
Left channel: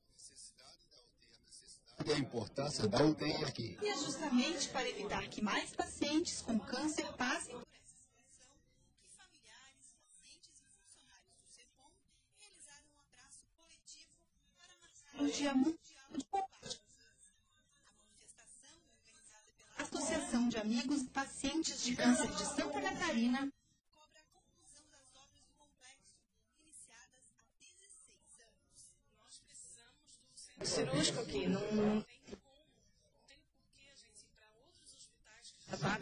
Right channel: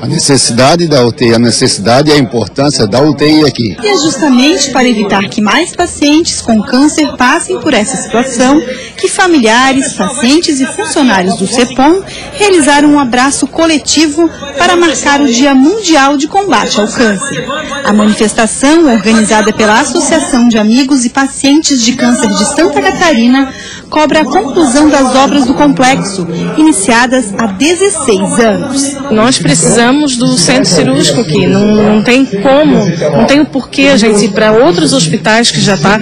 a necessidade da UTI, a necessidade e a importância da UTI aqui. E é justamente para evitar que mais pacientes com câncer passem por essa situação que familiares, pacientes e funcionários do CEPOM realizaram um abraço coletivo para marcar o Dia Mundial de Combate ao Câncer. A manifestação, organizada pela Associação de Amigos e Pacientes de Câncer de Santa Catarina, cobra a conclusão das obras do complexo, iniciadas há 16 anos. Nós precisamos do centro cirúrgico aqui, não tem como, não tem o porquê a gente ir para outros hospitais que já está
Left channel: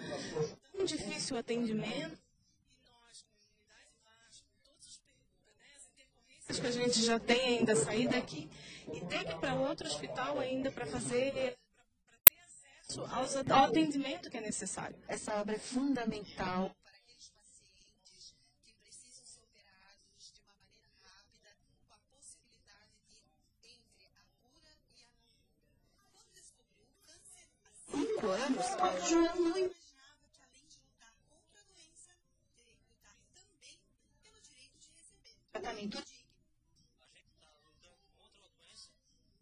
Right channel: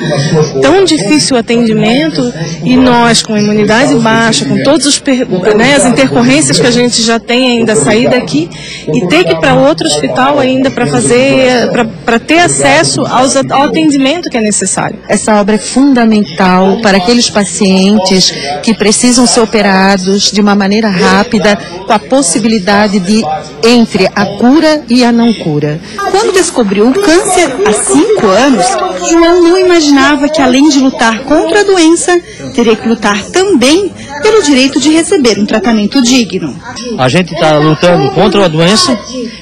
tão difícil o atendimento e nós com imunidade baixa, com todas as intercorrências que a gente já tem ainda sair daqui e ter que ir para outro hospital ainda para ter acesso ao atendimento que é necessário. Essa obra é fundamental para aqueles pacientes que precisam ser operados de uma maneira rápida, com a possibilidade de entre a cura e a não cura. Quando descobriu o câncer há 5 anos, João não imaginava que, além de lutar contra a doença, teria que lutar também pelo direito de receber um tratamento digno. A gente está lutando contra a doença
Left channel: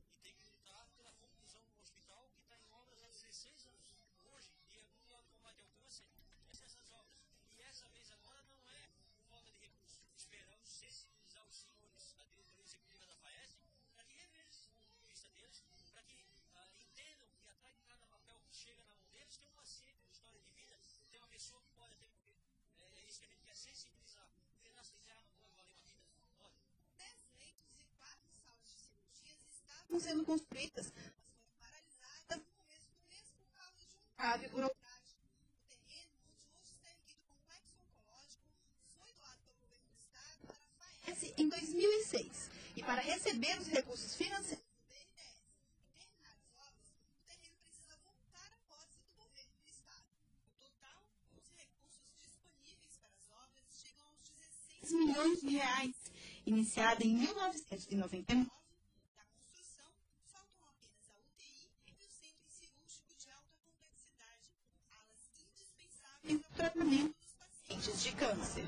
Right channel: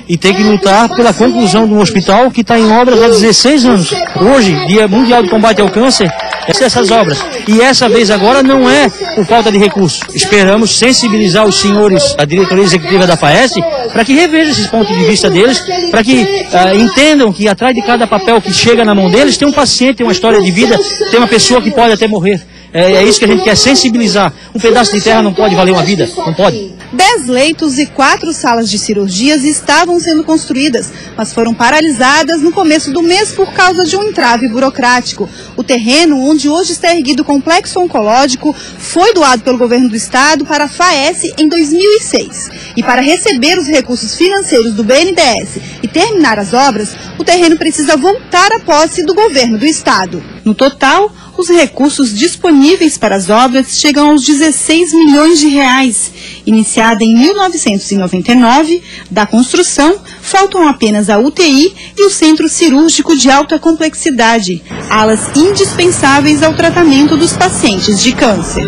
e tem que lutar pela conclusão de um hospital que está em obras há 16 anos. Hoje, Dia Mundial de Combate ao Câncer, essas obras. E essa vez agora não é por falta de recursos. Esperamos sensibilizar os senhores da diretoria executiva da FAES para que revejam esses pontos de vista deles, para que entendam que atrás de cada papel que chega na mão deles tem um paciente, tem uma história de vida, tem uma pessoa que pode até morrer. É isso que a gente quer sensibilizar. Um pedaço de terra não pode valer uma vida, não pode. 10 leitos e 4 salas de cirurgias estavam sendo construídas, mas foram paralisadas no começo do mês por causa de um entrave burocrático. O terreno onde hoje está erguido o complexo oncológico foi doado pelo governo do estado para a FAES em 2006. E para receber os recursos financeiros do BNDES e terminar as obras, o terreno precisa voltar à posse do governo do estado. No total, os recursos disponíveis para as obras chegam aos 16 milhões de reais. Iniciada em 1999, da construção, faltam apenas a UTI e o Centro Cirúrgico de Alta Complexidade, alas indispensáveis ao tratamento dos pacientes de câncer.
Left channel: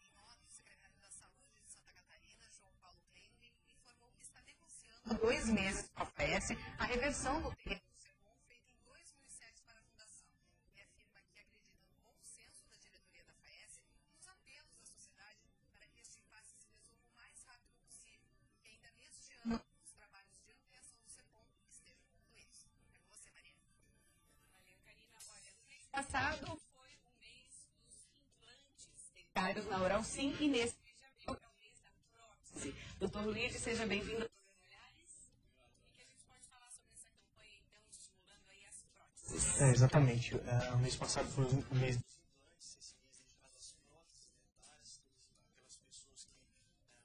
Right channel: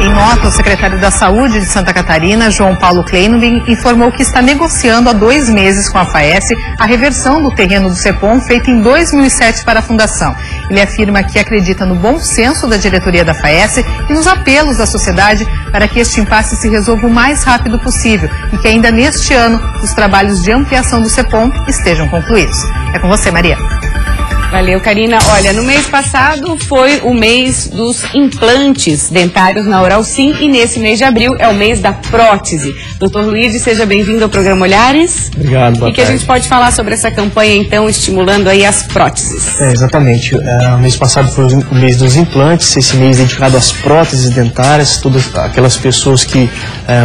Em nota, o secretário da Saúde de Santa Catarina, João Paulo Kleinwin, informou que está negociando há 2 meses com a FAES a reversão do terreno do CEPOM feita em 2007 para a Fundação. Ele afirma que acredita no bom senso da diretoria da FAES e nos apelos da sociedade para que este impasse se resolva o mais rápido possível e que ainda neste ano os trabalhos de ampliação do CEPOM estejam concluídos. É com você, Maria. Valeu, Karina. Olha, no mês passado foi o mês dos implantes dentários na Oralsim e nesse mês de abril é o mês da prótese. Dr. Luiz, seja bem-vindo ao programa Olhares. Obrigado, boa tarde. E que a gente pode falar sobre essa campanha, então, estimulando aí as próteses. Exatamente. O mês passado foi o mês dos implantes, esse mês dedicado às próteses dentárias, todas aquelas pessoas que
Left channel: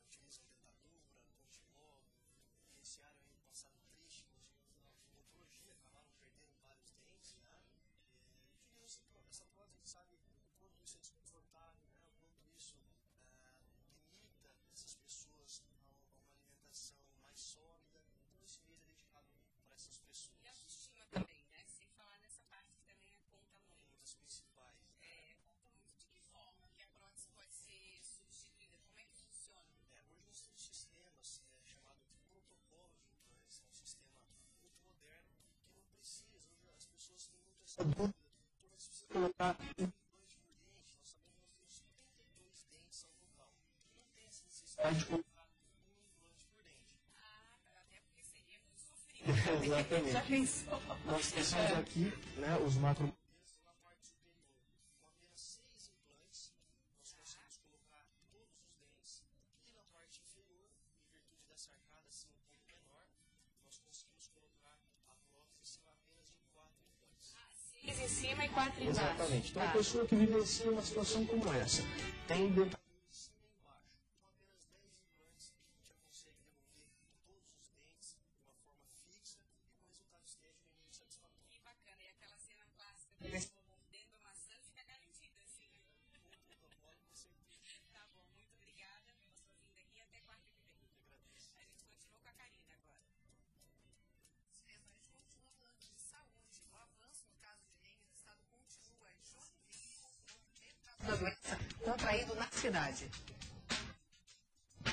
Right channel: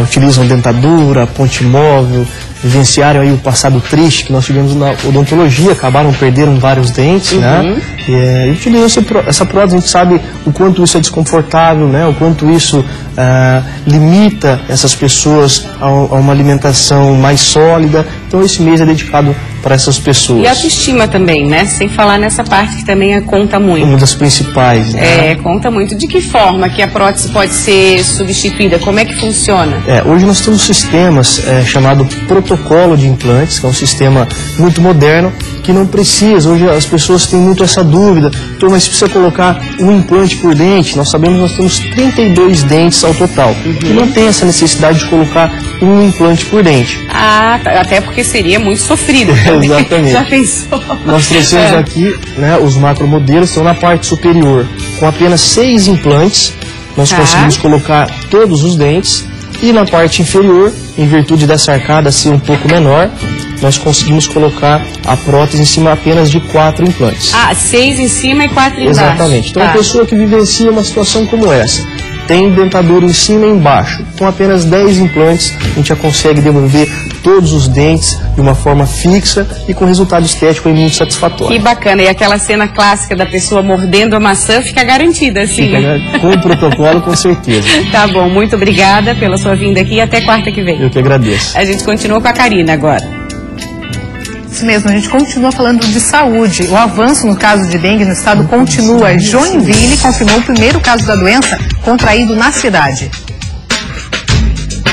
utilizam dentadura, ponte móvel, vivenciaram aí o passado triste que nós tivemos na odontologia, perderam vários dentes, né? E utilizam essa prótese, a gente sabe o quanto isso é desconfortável, né? O quanto isso limita essas pessoas a uma alimentação mais sólida. Então esse mês é dedicado para essas pessoas. E a autoestima também, né? Sem falar nessa parte que também conta muito. Uma das principais, né? Conta muito. De que forma que a prótese pode ser substituída? Como é que funciona? Hoje nós temos sistemas chamado protocolo de implantes, que é um sistema muito moderno, que não precisa. Hoje as pessoas têm muito essa dúvida. Então, mas se precisa colocar um implante por dente, nós sabemos que nós temos 32 dentes ao total. E não tem essa necessidade de colocar um implante por dente. Até porque seria muito sofrido. Exatamente. Já pensou? Nós trouxemos aqui, né, os macromodelos, estão na parte superior. Com apenas 6 implantes, nós conseguimos colocar todos os dentes. E na parte inferior, em virtude dessa arcada ser um pouco menor, nós conseguimos colocar a prótese em cima apenas de 4 implantes. 6 em cima e 4 embaixo. Exatamente. Então a pessoa que vivencia uma situação como essa, tem dentadura em cima e embaixo, com apenas 10 implantes, a gente já consegue devolver todos os dentes de uma forma fixa e com resultado estético muito satisfatório. Que bacana. E aquela cena clássica da pessoa mordendo a maçã fica garantida, assim. Fica com o protocolo, com certeza. Tá bom. Muito obrigada pela sua vinda aqui e até quarta que vem. Eu que agradeço. A gente continua com a Karina agora. Isso mesmo, a gente continua falando de saúde. O avanço no caso de dengue no estado continua. Joinville confirmou o primeiro caso da doença contraído na cidade.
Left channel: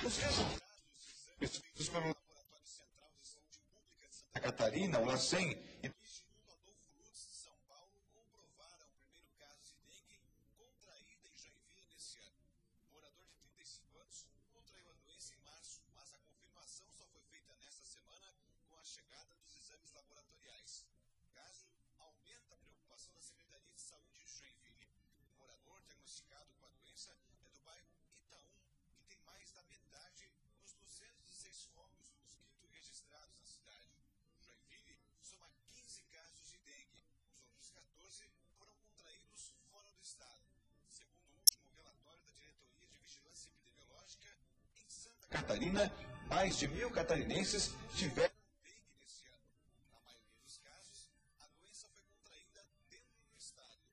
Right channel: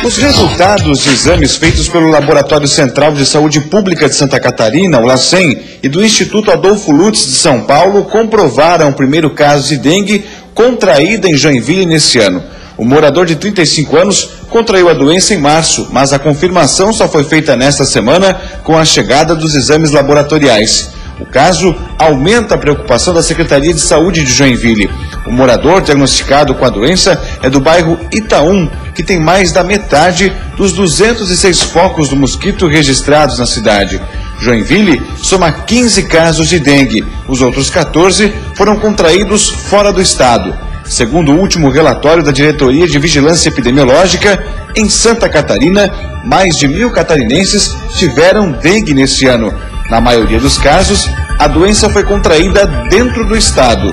Os resultados de exames feitos pelo Laboratório Central de Saúde Pública de Santa Catarina, o LACEN, e do Instituto Adolfo Lutz de São Paulo comprovaram o primeiro caso de dengue contraída em Joinville nesse ano. O morador de 35 anos contraiu a doença em março, mas a confirmação só foi feita nesta semana com a chegada dos exames laboratoriais. O caso aumenta a preocupação da Secretaria de Saúde de Joinville. O morador diagnosticado com a doença é do bairro Itaú, que tem mais da metade dos 206 focos do mosquito registrados na cidade. Joinville soma 15 casos de dengue. Os outros 14 foram contraídos fora do estado. Segundo o último relatório da Diretoria de Vigilância Epidemiológica, em Santa Catarina, mais de 1.000 catarinenses tiveram dengue neste ano. Na maioria dos casos, a doença foi contraída dentro do estado.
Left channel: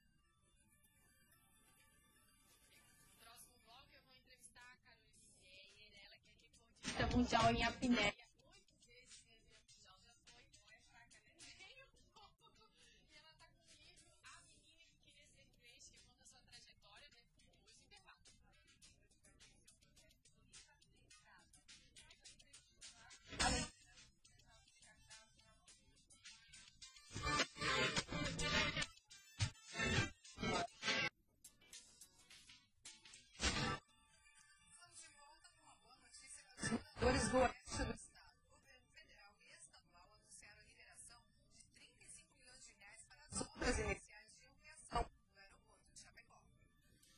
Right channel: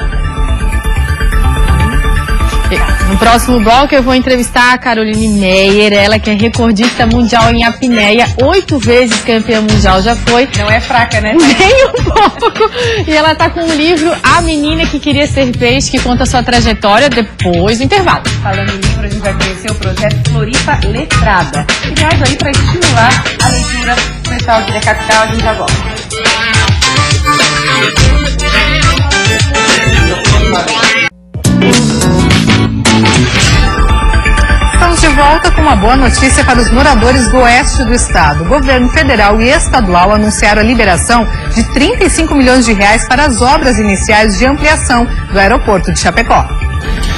No próximo bloco eu vou entrevistar a Caroline Meyer, ela que é recordista mundial em apneia, 8 vezes campeã mundial já foi. Não é fraca, né? Nem um pouco. E ela tá com um livro, A Menina que Queria Ser Peixe, que conta a sua trajetória depois do intervalo. Falando em livro, a gente vai conhecer o projeto Floripa Letrada, criado aí para estimular a leitura do pessoal aqui da capital. A gente já volta. Estamos de volta com uma boa notícia para os moradores do oeste do estado. O governo federal e estadual anunciaram a liberação de 35 milhões de reais para as obras iniciais de ampliação do aeroporto de Chapecó.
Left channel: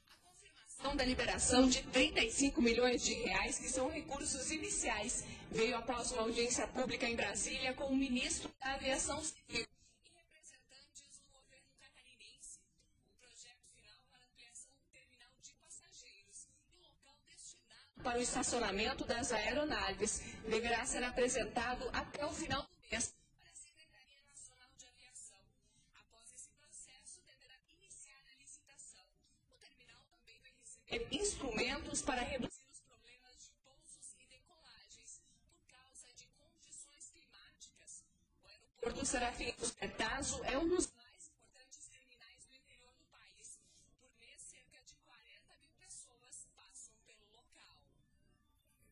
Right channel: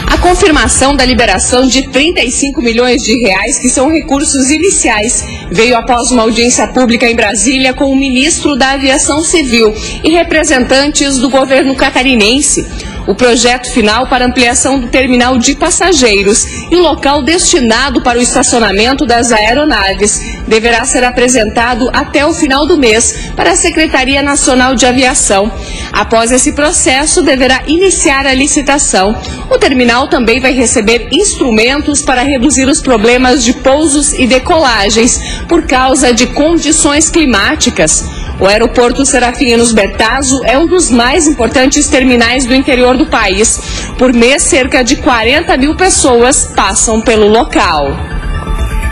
A confirmação da liberação de 35 milhões de reais, que são recursos iniciais, veio após uma audiência pública em Brasília com o ministro da Aviação Civil e representantes do governo catarinense. O projeto final para ampliação do terminal de passageiros e o local destinado para o estacionamento das aeronaves deverá ser apresentado até o final do mês para a Secretaria Nacional de Aviação. Após esse processo, deverá iniciar a licitação. O terminal também vai receber instrumentos para reduzir os problemas de pousos e decolagens por causa de condições climáticas. O aeroporto Serafinos Bertazzo é um dos mais importantes terminais do interior do país. Por mês, cerca de 40 mil pessoas passam pelo local.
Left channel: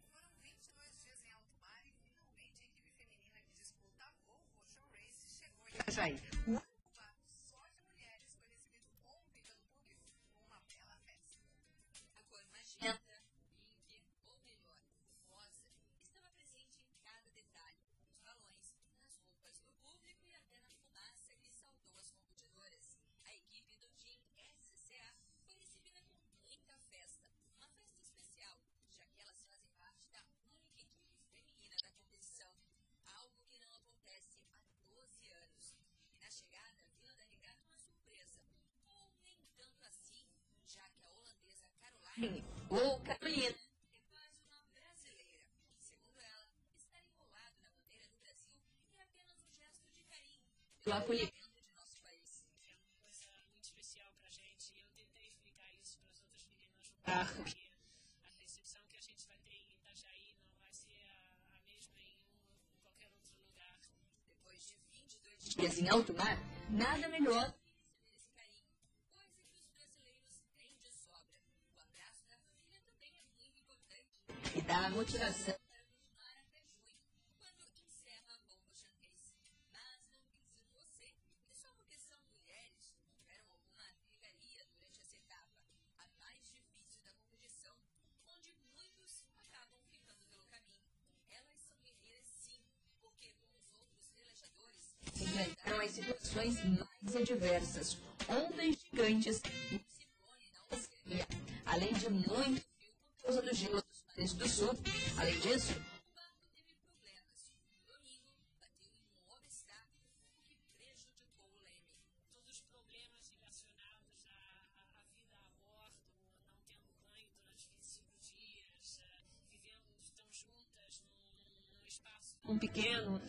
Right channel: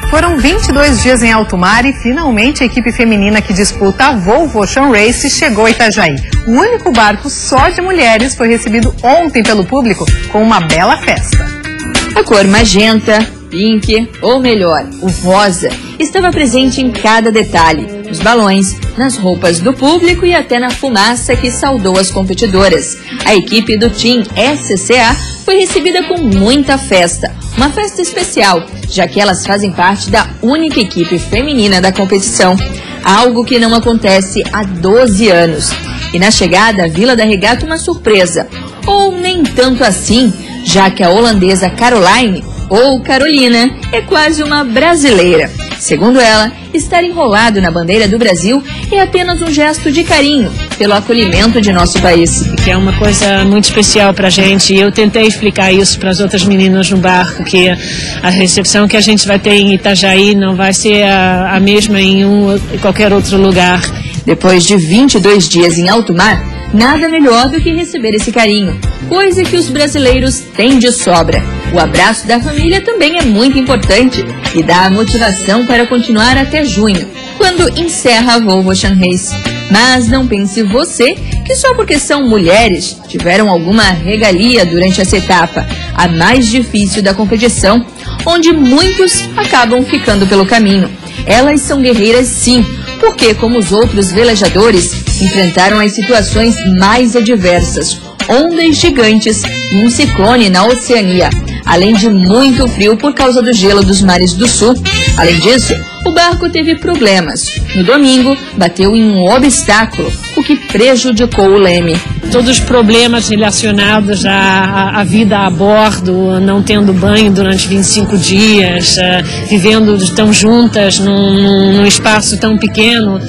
Foram 22 dias em alto mar e finalmente a equipe feminina que disputa a Volvo Ocean Race chegou a Itajaí. O único barco só de mulheres foi recebido ontem pelo público com uma bela festa. A cor magenta, pink ou melhor, o rosa, estava presente em cada detalhe. Nos balões, nas roupas do público e até na fumaça que saudou as competidoras. A equipe do Team SCA foi recebida com muita festa. Uma festa especial, já que elas fazem parte da única equipe feminina da competição. Algo que não acontece há 12 anos. E na chegada à Vila da Regata uma surpresa. Ou nem tanto assim, já que a holandesa Caroline, ou Carolina, é quase uma brasileira. Segundo ela, estar enrolado na bandeira do Brasil é apenas um gesto de carinho pelo acolhimento de nosso país. Que é uma coisa muito especial para a gente. Eu tentei explicar isso para as outras meninas no barco, que a recepção que a gente vai ter em Itajaí não vai ser a mesma em qualquer outro lugar. Depois de 22 dias em alto mar, nada melhor do que receber esse carinho, coisa que os brasileiros têm de sobra. O abraço da família também é muito importante e dá a motivação para continuar até junho, quando encerra a Volvo Ocean Race. Mas não pense você que só porque são mulheres tiveram alguma regalia durante essa etapa, a mais difícil da competição, onde muitos acabam ficando pelo caminho. Elas são guerreiras sim, porque, como os outros velejadores, enfrentaram as situações mais adversas, ondas gigantes e um ciclone na Oceania, além de muito frio por causa do gelo dos mares do sul. Além disso, o barco teve problemas. No domingo, bateu em um obstáculo, o que prejudicou o leme. Todos os problemas relacionados à vida a bordo, não tendo banho durante 25 dias, vivendo tão juntas num espaço tão pequeno,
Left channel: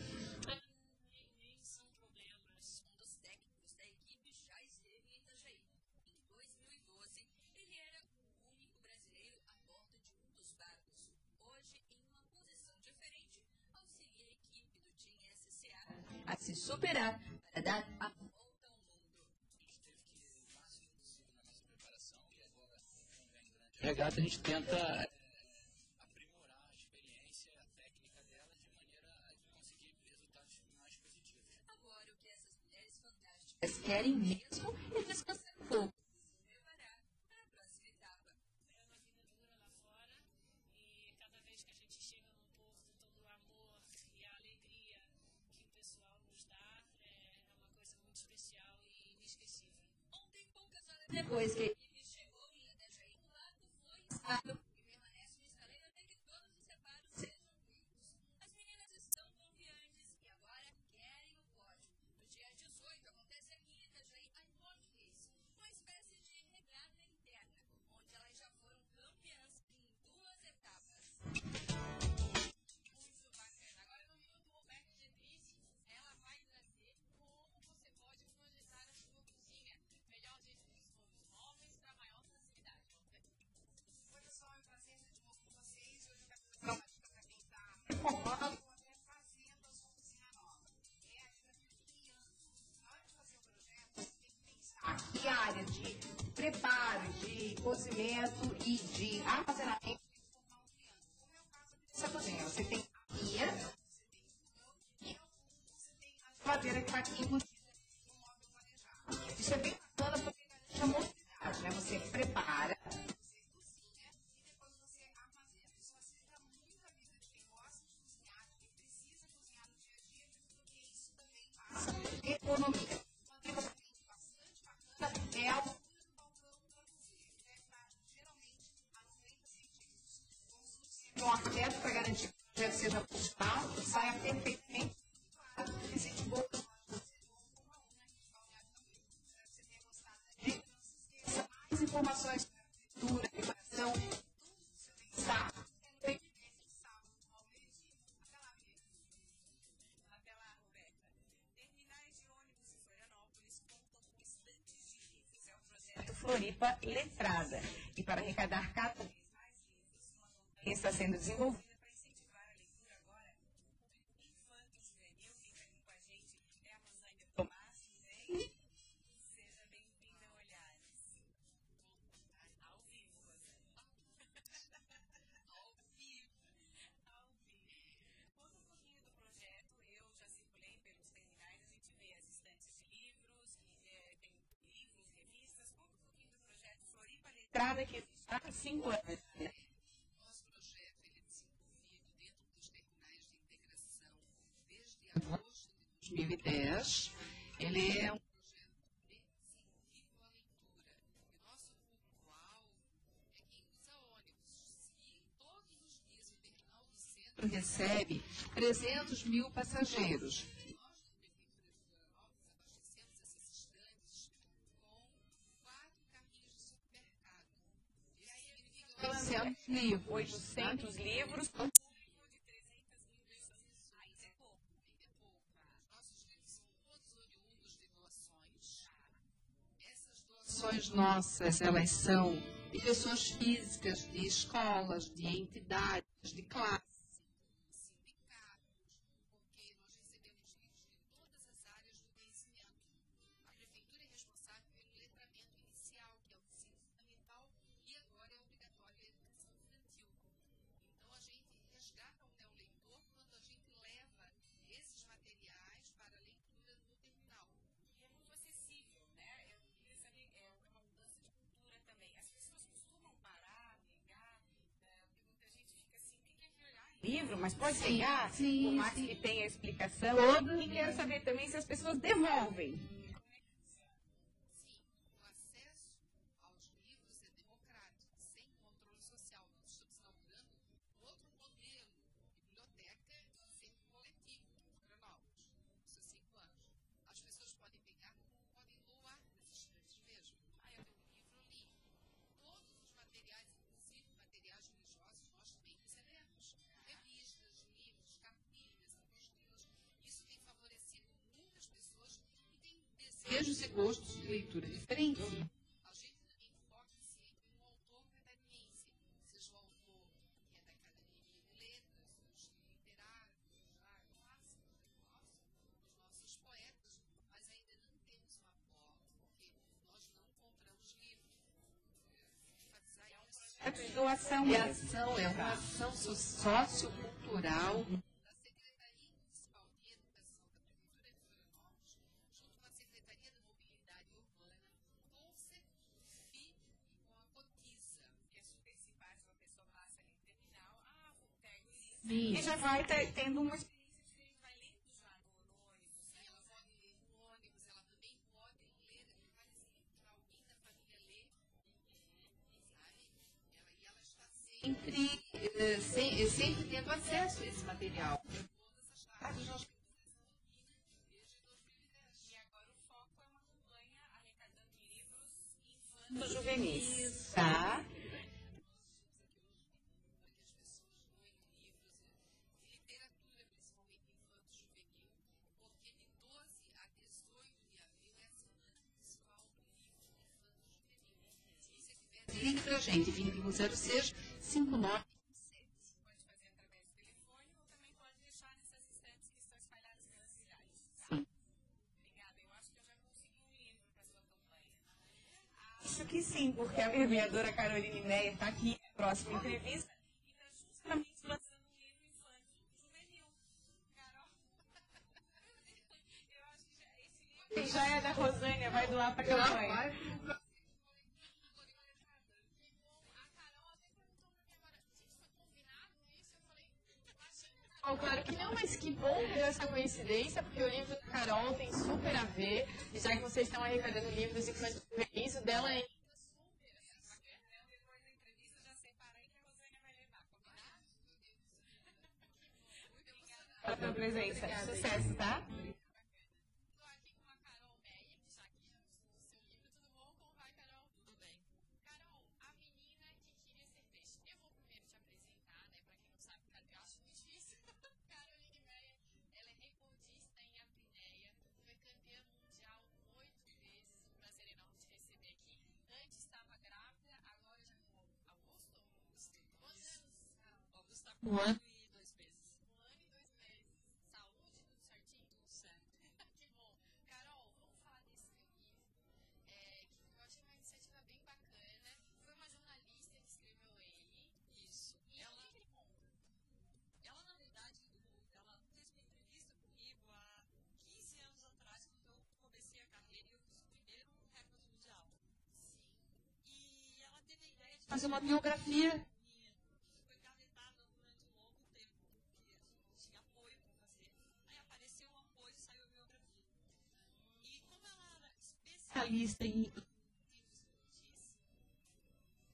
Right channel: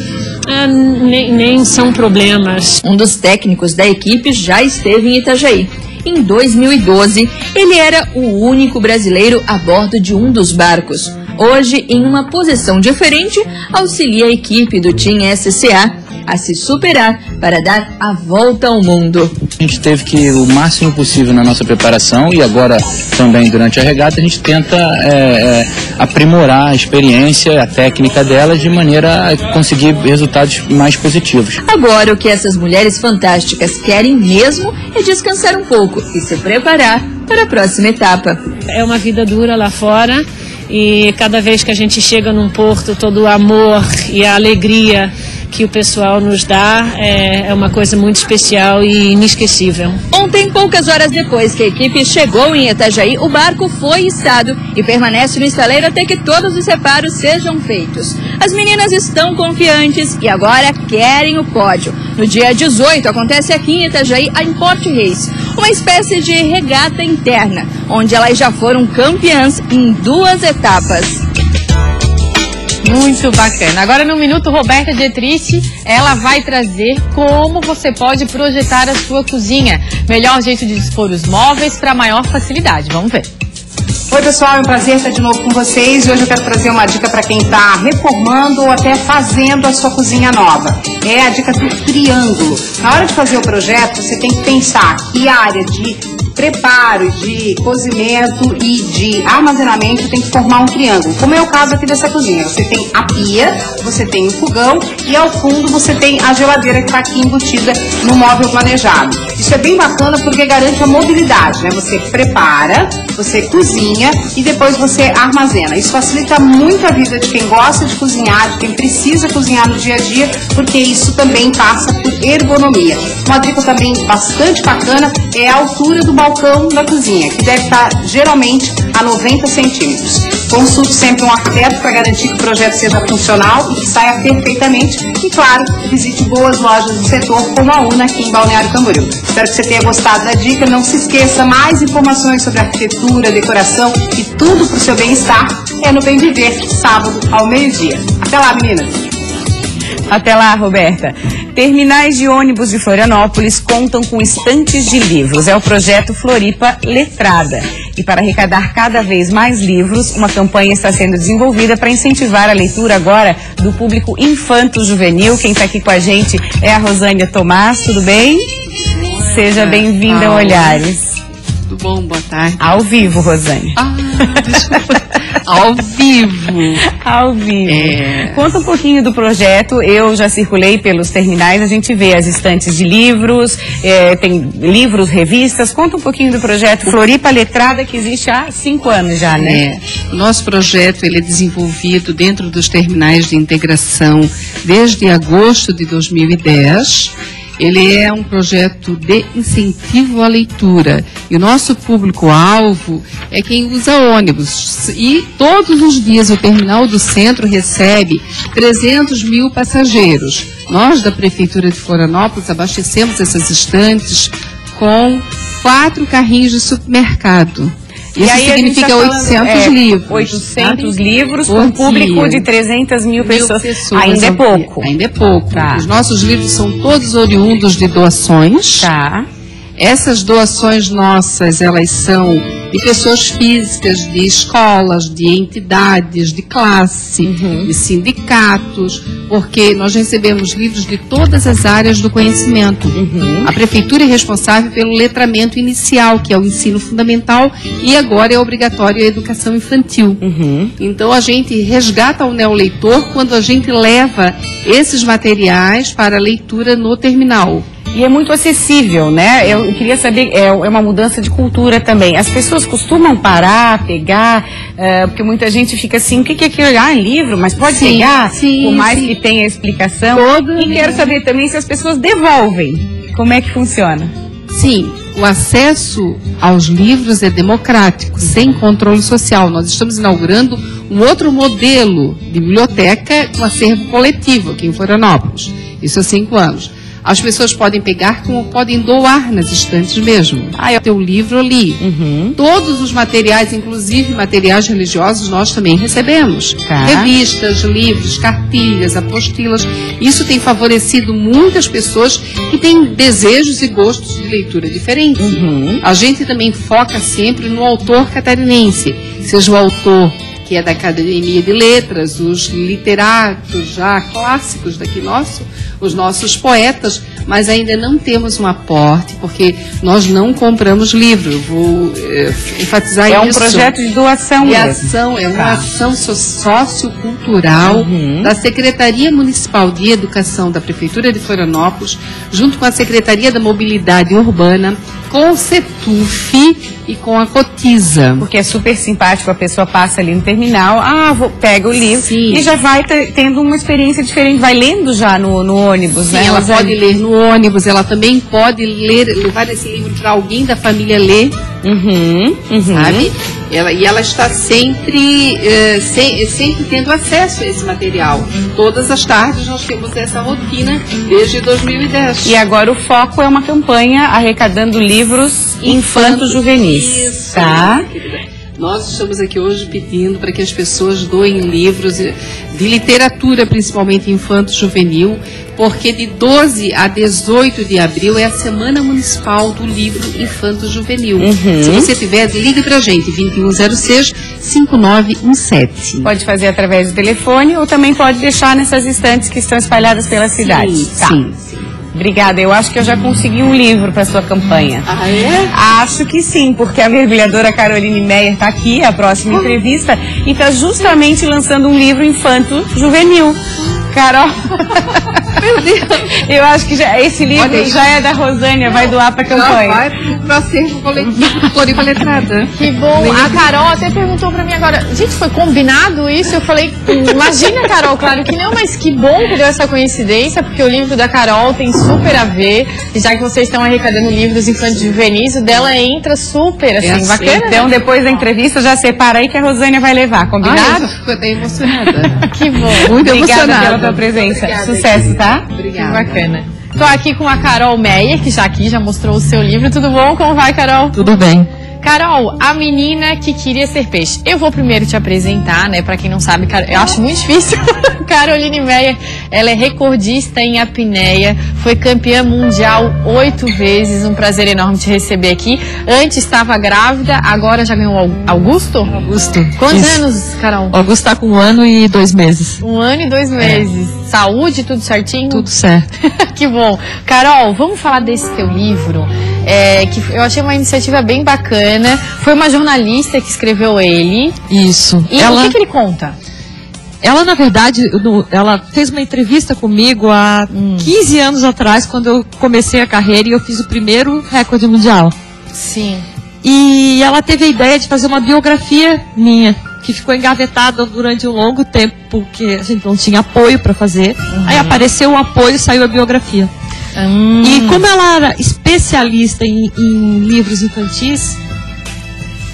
nem são problemas. Um dos técnicos da equipe já esteve em Itajaí. Em 2012, ele era o único brasileiro a bordo de um dos barcos. Hoje, em uma posição diferente, auxilia a equipe do Team SCA a se superar para dar a volta ao mundo. A gente teve que ir o máximo possível na nossa preparação e agora também durante a regata a gente tenta aprimorar a experiência, a técnica delas de maneira a conseguir resultados mais positivos. Agora o que essas mulheres fantásticas querem mesmo é descansar um pouco e se preparar para a próxima etapa. É uma vida dura lá fora e cada vez que a gente chega num porto, todo o amor e a alegria que o pessoal nos dá é uma coisa muito especial e inesquecível. Ontem, poucas horas depois que a equipe chegou em Itajaí, o barco foi içado e permanece no estaleiro até que todos os reparos sejam feitos. As meninas estão confiantes e agora querem o pódio. No dia 18 acontece aqui em Itajaí a Import Race, uma espécie de regata interna, onde elas já foram campeãs em 2 etapas. Muito bacana. Agora no Minuto, Roberta Dietrich, ela vai trazer como você pode projetar a sua cozinha. Melhor jeito de dispor os móveis para maior facilidade. Vamos ver. Oi pessoal, é um prazer estar de novo com vocês e hoje eu quero trazer uma dica para quem está reformando ou até fazendo a sua cozinha nova. É a dica do triângulo. Na hora de fazer o projeto, você tem que pensar que a área de preparo, de cozimento e de armazenamento tem que formar um triângulo, como é o caso aqui dessa cozinha. Você tem a pia, você tem o fogão e ao fundo você tem a geladeira que está aqui embutida no móvel planejado. Isso é bem bacana porque garante a mobilidade, né? Você prepara, você cozinha e depois você armazena. Isso facilita muito a vida de quem gosta de cozinhar, de quem precisa cozinhar no dia a dia, porque isso também passa por ergonomia. Uma dica também bastante bacana é a altura do balcão da cozinha, que deve estar geralmente a 90 centímetros. Consulte sempre um arquiteto para garantir que o projeto seja funcional e que saia perfeitamente. E claro, visite boas lojas do setor como a UNA aqui em Balneário Camboriú. Espero que você tenha gostado da dica. Não se esqueça, mais informações sobre arquitetura, decoração e tudo para o seu bem-estar é no Bem Viver, sábado ao meio-dia. Até lá, meninas! Até lá, Roberta. Terminais de ônibus de Florianópolis contam com estantes de livros. É o projeto Floripa Letrada. E para arrecadar cada vez mais livros, uma campanha está sendo desenvolvida para incentivar a leitura agora do público infanto-juvenil. Quem está aqui com a gente é a Rosânia Tomás. Tudo bem? Seja bem-vinda ao Olhares. Tudo bom? Boa tarde. Ao vivo, Rosânia. Desculpa. Ao vivo. Ao vivo. Conta um pouquinho do projeto. Eu já circulei pelos terminais, a gente vê as estantes de livros, tem livros, revistas. Conta um pouquinho do projeto Floripa Letrada, que existe há 5 anos já, né? O nosso projeto ele é desenvolvido dentro dos terminais de integração desde agosto de 2010. Ele é um projeto de incentivo à leitura e o nosso público-alvo é quem usa ônibus. E todos os dias o terminal do centro recebe 300 mil passageiros. Nós, da Prefeitura de Florianópolis, abastecemos essas estantes com 4 carrinhos de supermercado. Isso significa 800 livros. 800 livros com um público de 300 mil pessoas. Ainda é pouco. Ainda é pouco. Tá. Os nossos livros são todos oriundos de doações. Tá. Essas doações nossas, elas são de pessoas físicas, de escolas, de entidades, de classe, de sindicatos, porque nós recebemos livros de todas as áreas do conhecimento. A Prefeitura é responsável pelo letramento inicial, que é o ensino fundamental, e agora é obrigatório a educação infantil. Então a gente resgata o neoleitor quando a gente leva esses materiais para a leitura no terminal. E é muito acessível, né? Eu queria saber, é uma mudança de cultura também. As pessoas costumam parar, pegar, porque muita gente fica assim, o que é aquilo? Ah, livro, mas pode pegar? Por mais que tenha explicação. E quero saber também se as pessoas devolvem. Como é que funciona? Sim, o acesso aos livros é democrático, sem controle social. Nós estamos inaugurando um outro modelo de biblioteca com acervo coletivo aqui em Florianópolis. Isso há 5 anos. As pessoas podem pegar como podem doar nas estantes mesmo. Ah, eu tenho o livro ali. Todos os materiais, inclusive materiais religiosos, nós também recebemos. Revistas, livros, cartilhas, apostilas. Isso tem favorecido muitas pessoas que têm desejos e gostos de leitura diferentes. A gente também foca sempre no autor catarinense, seja o autor que é da Academia de Letras, os literatos já clássicos daqui os nossos poetas, mas ainda não temos um aporte, porque nós não compramos livro. Eu vou enfatizar isso. É um projeto de doação mesmo. É uma ação sociocultural da Secretaria Municipal de Educação da Prefeitura de Florianópolis, junto com a Secretaria da Mobilidade Urbana, com o CETUF e com a Cotiza. Porque é super simpático, a pessoa passa ali no terminal, pega o livro e já vai tendo uma experiência diferente, vai lendo já no ônibus, né? Ela pode ler no ônibus, ela também pode levar esse livro para alguém da família ler, sabe? Ela está sempre tendo acesso a esse material. Todas as tardes nós temos essa rotina desde 2010. E agora o foco é uma campanha arrecadando livros infanto-juvenis, tá? Nós estamos aqui hoje pedindo para que as pessoas doem livros de literatura, principalmente infanto-juvenil, porque de 12 a 18 de abril é a Semana Municipal do Livro Infanto-Juvenil. Se você tiver, ligue para a gente, 2106-5917. Pode fazer através do telefone ou também pode deixar nessas estantes que estão espalhadas pela cidade. Sim. Obrigada, eu acho que eu já consegui um livro para sua campanha. Ah, é? Acho que sim, porque a mergulhadora Caroline Meyer está aqui, a próxima entrevista, e está justamente lançando um livro infanto-juvenil. Carol, meu Deus, eu acho que esse livro já é da Rosânia, vai doar para a campanha. Vai para acervo coletivo Floripa Letrada. Que bom. A Carol até perguntou para mim agora, gente, foi combinado isso? Eu falei, imagina, Carol, claro que não, mas que bom que deu essa coincidência, porque o livro da Carol tem super a ver, e já que vocês estão arrecadando livros infantis juvenis, o dela entra super, assim, bacana. Então, depois da entrevista, já separa aí que a Rosânia vai levar, combinado? Eu fico até emocionada. Que bom. Muito Obrigada emocionada pela tua presença. Obrigada, Sucesso, tá? Obrigada. Bacana. Tô aqui com a Carol Meyer, que já mostrou o seu livro. Tudo bom? Como vai, Carol? Tudo bem. Carol, a menina que queria ser peixe. Eu vou primeiro te apresentar, né? Pra quem não sabe, eu acho muito difícil. Caroline Meyer, ela é recordista em apneia, foi campeã mundial 8 vezes. Um prazer enorme te receber aqui. Antes estava grávida, agora já ganhou Augusto? Augusto. Quantos anos, Carol? Augusto está com 1 ano e 2 meses. 1 ano e 2 meses. Saúde, tudo certinho? Tudo certo. Que bom. Carol, vamos falar desse teu livro, que eu achei uma iniciativa bem bacana. Foi uma jornalista que escreveu ele. Isso. E o que ele conta? Ela, na verdade, ela fez uma entrevista comigo há 15 anos atrás, quando eu comecei a carreira e eu fiz o primeiro recorde mundial. Sim. E ela teve a ideia de fazer uma biografia minha, que ficou engavetada durante um longo tempo, porque a gente não tinha apoio para fazer. Aí apareceu o apoio e saiu a biografia. E como ela era especialista em livros infantis,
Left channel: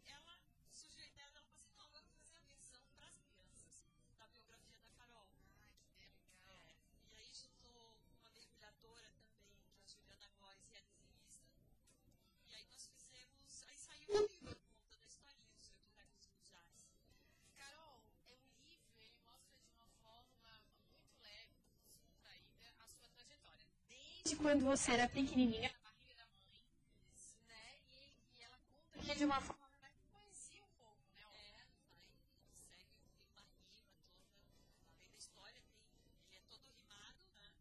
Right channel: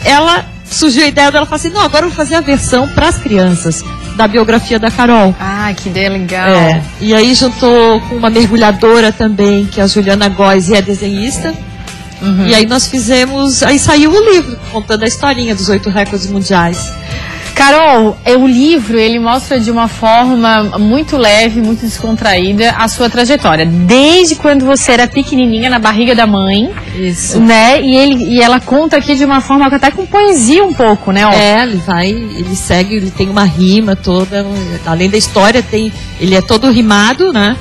ela surgiu a ideia dela, falar assim, não, agora eu vou fazer a versão para as crianças da biografia da Carol. Ah, que ideia legal. E aí juntou com uma mergulhadora também, que é a Juliana Góes, e é desenhista. E aí nós fizemos, aí saiu o livro, contando a historinha dos 8 recordes mundiais. Carol, o livro, ele mostra de uma forma muito leve, muito descontraída a sua trajetória. Desde quando você era pequenininha na barriga da mãe. Isso. Né? E ela conta aqui de uma forma até com poesia um pouco, né? Ele segue, ele tem uma rima toda, além da história, ele é todo rimado, né?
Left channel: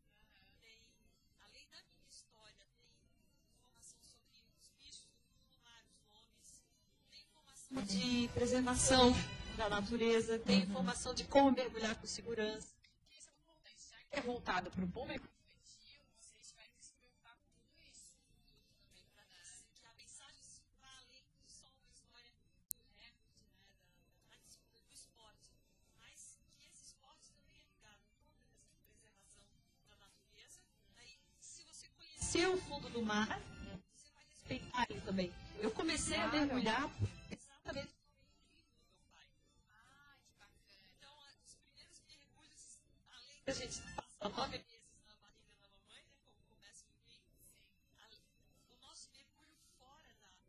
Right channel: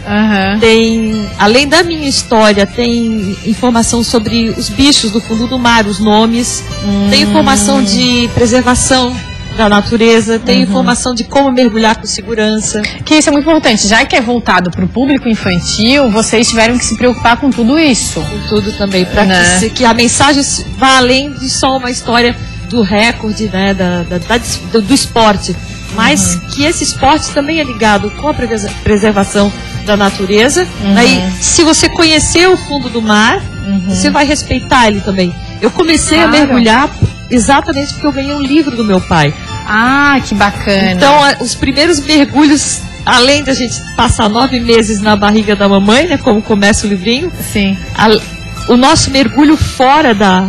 Tem, além da minha história, tem informação sobre os bichos do fundo do mar, os nomes, tem informação de preservação da natureza, tem informação de como mergulhar com segurança. Que isso é muito importante, já que é voltado para o público infantil, vocês tiveram que se preocupar com tudo isso. Com tudo também, para que a mensagem vá além de só uma história do recorde, né, do esporte, mas que esse esporte também é ligado com a preservação da natureza. Aí, se você conhecer o fundo do mar, você vai respeitar ele também. Eu comecei a mergulhar exatamente porque eu ganhei um livro do meu pai. Ah, que bacana. Então, os primeiros mergulhos, além da gente passar 9 meses na barriga da mamãe, né, como começa o livrinho, sim. O nosso mergulho fora da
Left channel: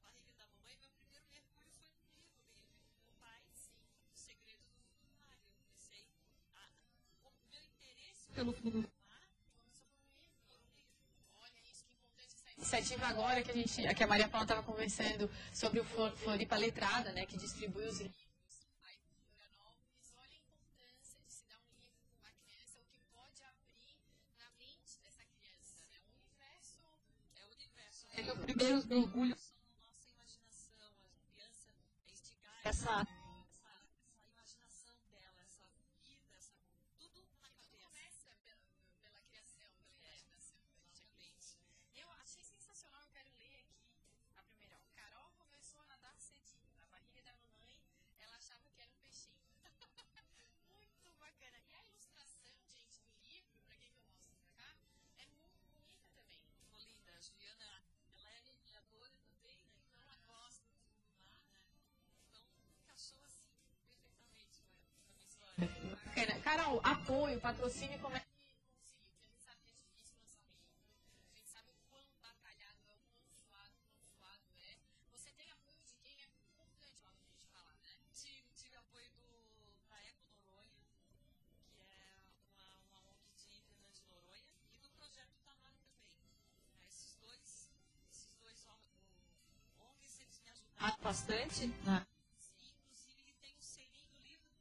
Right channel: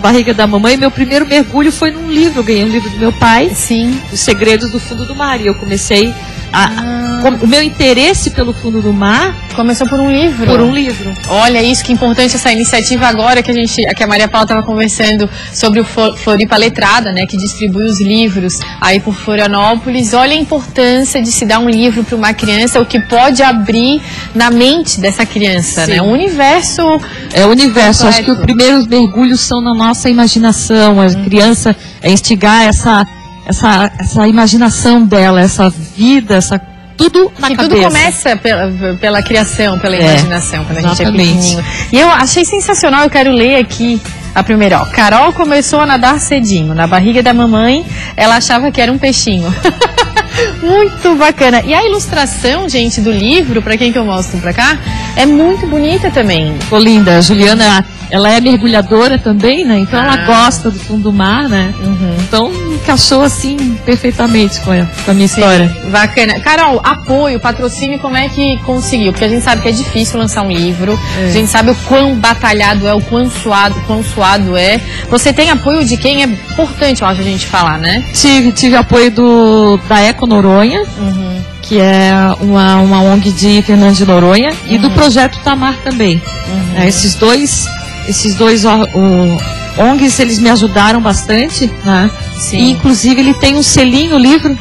barriga da mamãe, meu primeiro mergulho foi num livro, eu ganhei um livro do meu pai, sim, Os Segredos do Fundo do Mar, e eu comecei o meu interesse pelo fundo do mar começou por um livro. Por um livro. Olha isso, que importante essa iniciativa agora que a Maria Paula estava conversando sobre o Floripa Letrada, né, que distribui os livros aí por Florianópolis. Olha a importância de se dar um livro para uma criança, o que pode abrir na mente dessa criança, né? Um universo. É o universo. completo. Acho que os primeiros mergulhos são na nossa imaginação. A criança instigar essa imaginação dela, essa vida, tudo na cabeça. Tudo começa pela criação, pela imaginação, quando a gente é pequenininho. E eu achei sensacional, eu quero ler aqui a primeira. Ó, Carol começou a nadar cedinho. Na barriga da mamãe, ela achava que era um peixinho. Muito bacana. E a ilustração, gente, do livro, pra quem que eu mostro pra cá, é muito bonita também. Ficou linda. A Juliana, ela é mergulhadora também, né? Então ela gosta do fundo do mar, né? Então encaixou assim perfeitamente com a minha história. Bacana. Carol, apoio, patrocínio, como é que conseguiu? Porque a gente sabe que é difícil lançar um livro, a gente sabe o quão batalhado é, o quão suado é. Você tem apoio de quem? É importante, eu acho, a gente falar, né? Tive apoio da Eco Noronha, que é uma ONG de Fernando de Noronha, e do Projeto Tamar também. Esses dois ONGs, eles me ajudaram bastante, né? Sim. E, inclusive, ele tem um selinho, o livro,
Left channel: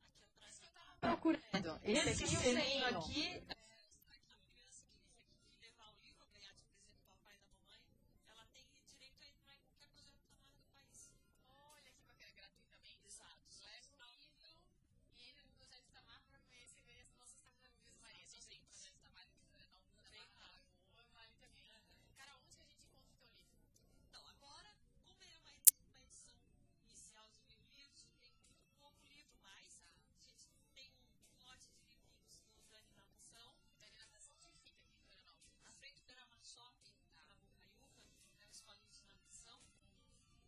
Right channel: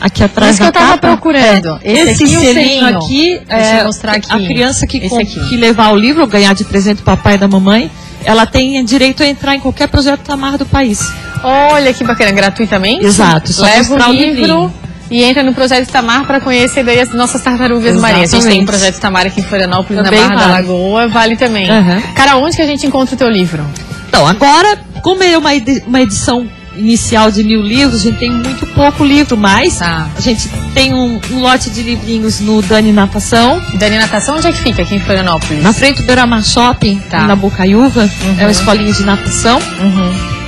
aqui atrás da capa. Isso que eu tava procurando. Esse selinho aqui, deixa eu mostrar aqui. A criança que levar o livro, ganhar de presente do papai e da mamãe, ela tem direito a entrar em qualquer projeto Tamar do país. Olha que bacana, gratuitamente? Exato, só leva o livro e entra no Projeto Tamar para conhecer daí as nossas tartarugas marinhas. A gente tem um Projeto Tamar aqui em Florianópolis, também na Barra da Lagoa, vale também. Cara, onde que a gente encontra o teu livro? Então, agora, como é uma edição inicial de 1000 livros, a gente tem muito pouco livro, mas a gente tem um lote de livrinhos no Dani Natação. Dani Natação, onde é que fica aqui em Florianópolis? Na frente do Beira-Mar Shopping, na Bocaiúva, é uma escolinha de natação.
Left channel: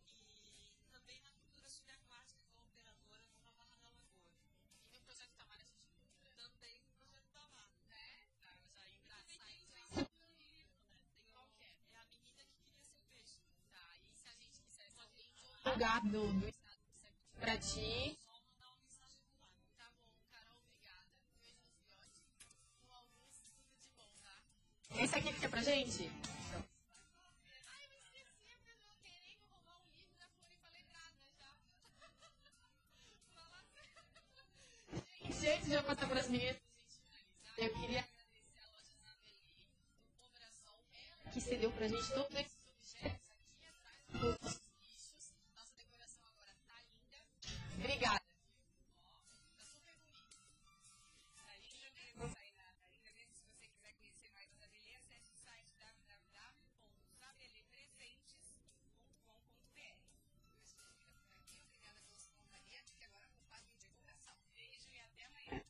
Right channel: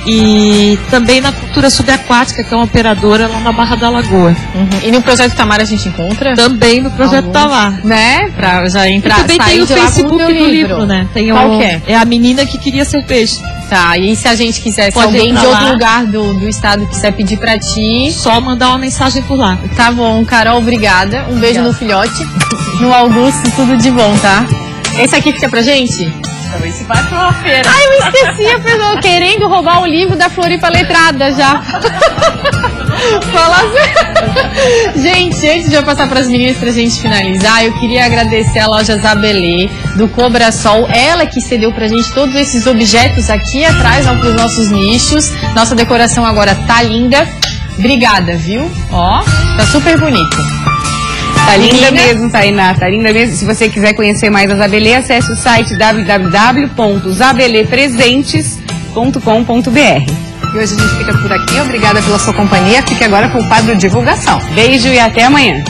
E também na Cultura Subaquática, que é uma operadora lá na Barra da Lagoa. E no Projeto Tamar a gente encontra? Também no Projeto Tamar. Né? Pra já entrar, e também tem o Facebook do livro, né? Tem Qual que é? É a menina que queria ser peixe. Tá, e se a gente quiser, se alguém de outro lugar do estado quiser pedir pra ti... Só mandar uma mensagem por lá. Tá bom, Carol, obrigada. Um beijo no filhote, no Augusto, tudo de bom, tá? Esse aqui fica pra gente? Talvez se vai pra uma feira. Ai, eu esqueci, a pessoa querendo roubar o livro da Floripa Letrada já. Fala assim. Gente, antes de eu passar para as meninas pra gente finalizar, eu queria agradecer a loja Zabelê do Cobra Sol, ela que cedeu pra gente todos esses objetos aqui atrás, ó, pros nossos nichos. Nossa decoração agora tá linda. Obrigada, viu? Ó, tá super bonito. Tá linda mesmo, Tainá, tá linda mesmo. Se você quiser conhecer mais a Zabelê, acesse o site www.zabelepresentes.com.br. E hoje a gente fica por aqui. Obrigada pela sua companhia. Fique agora com o quadro Divulgação. Beijo e até amanhã.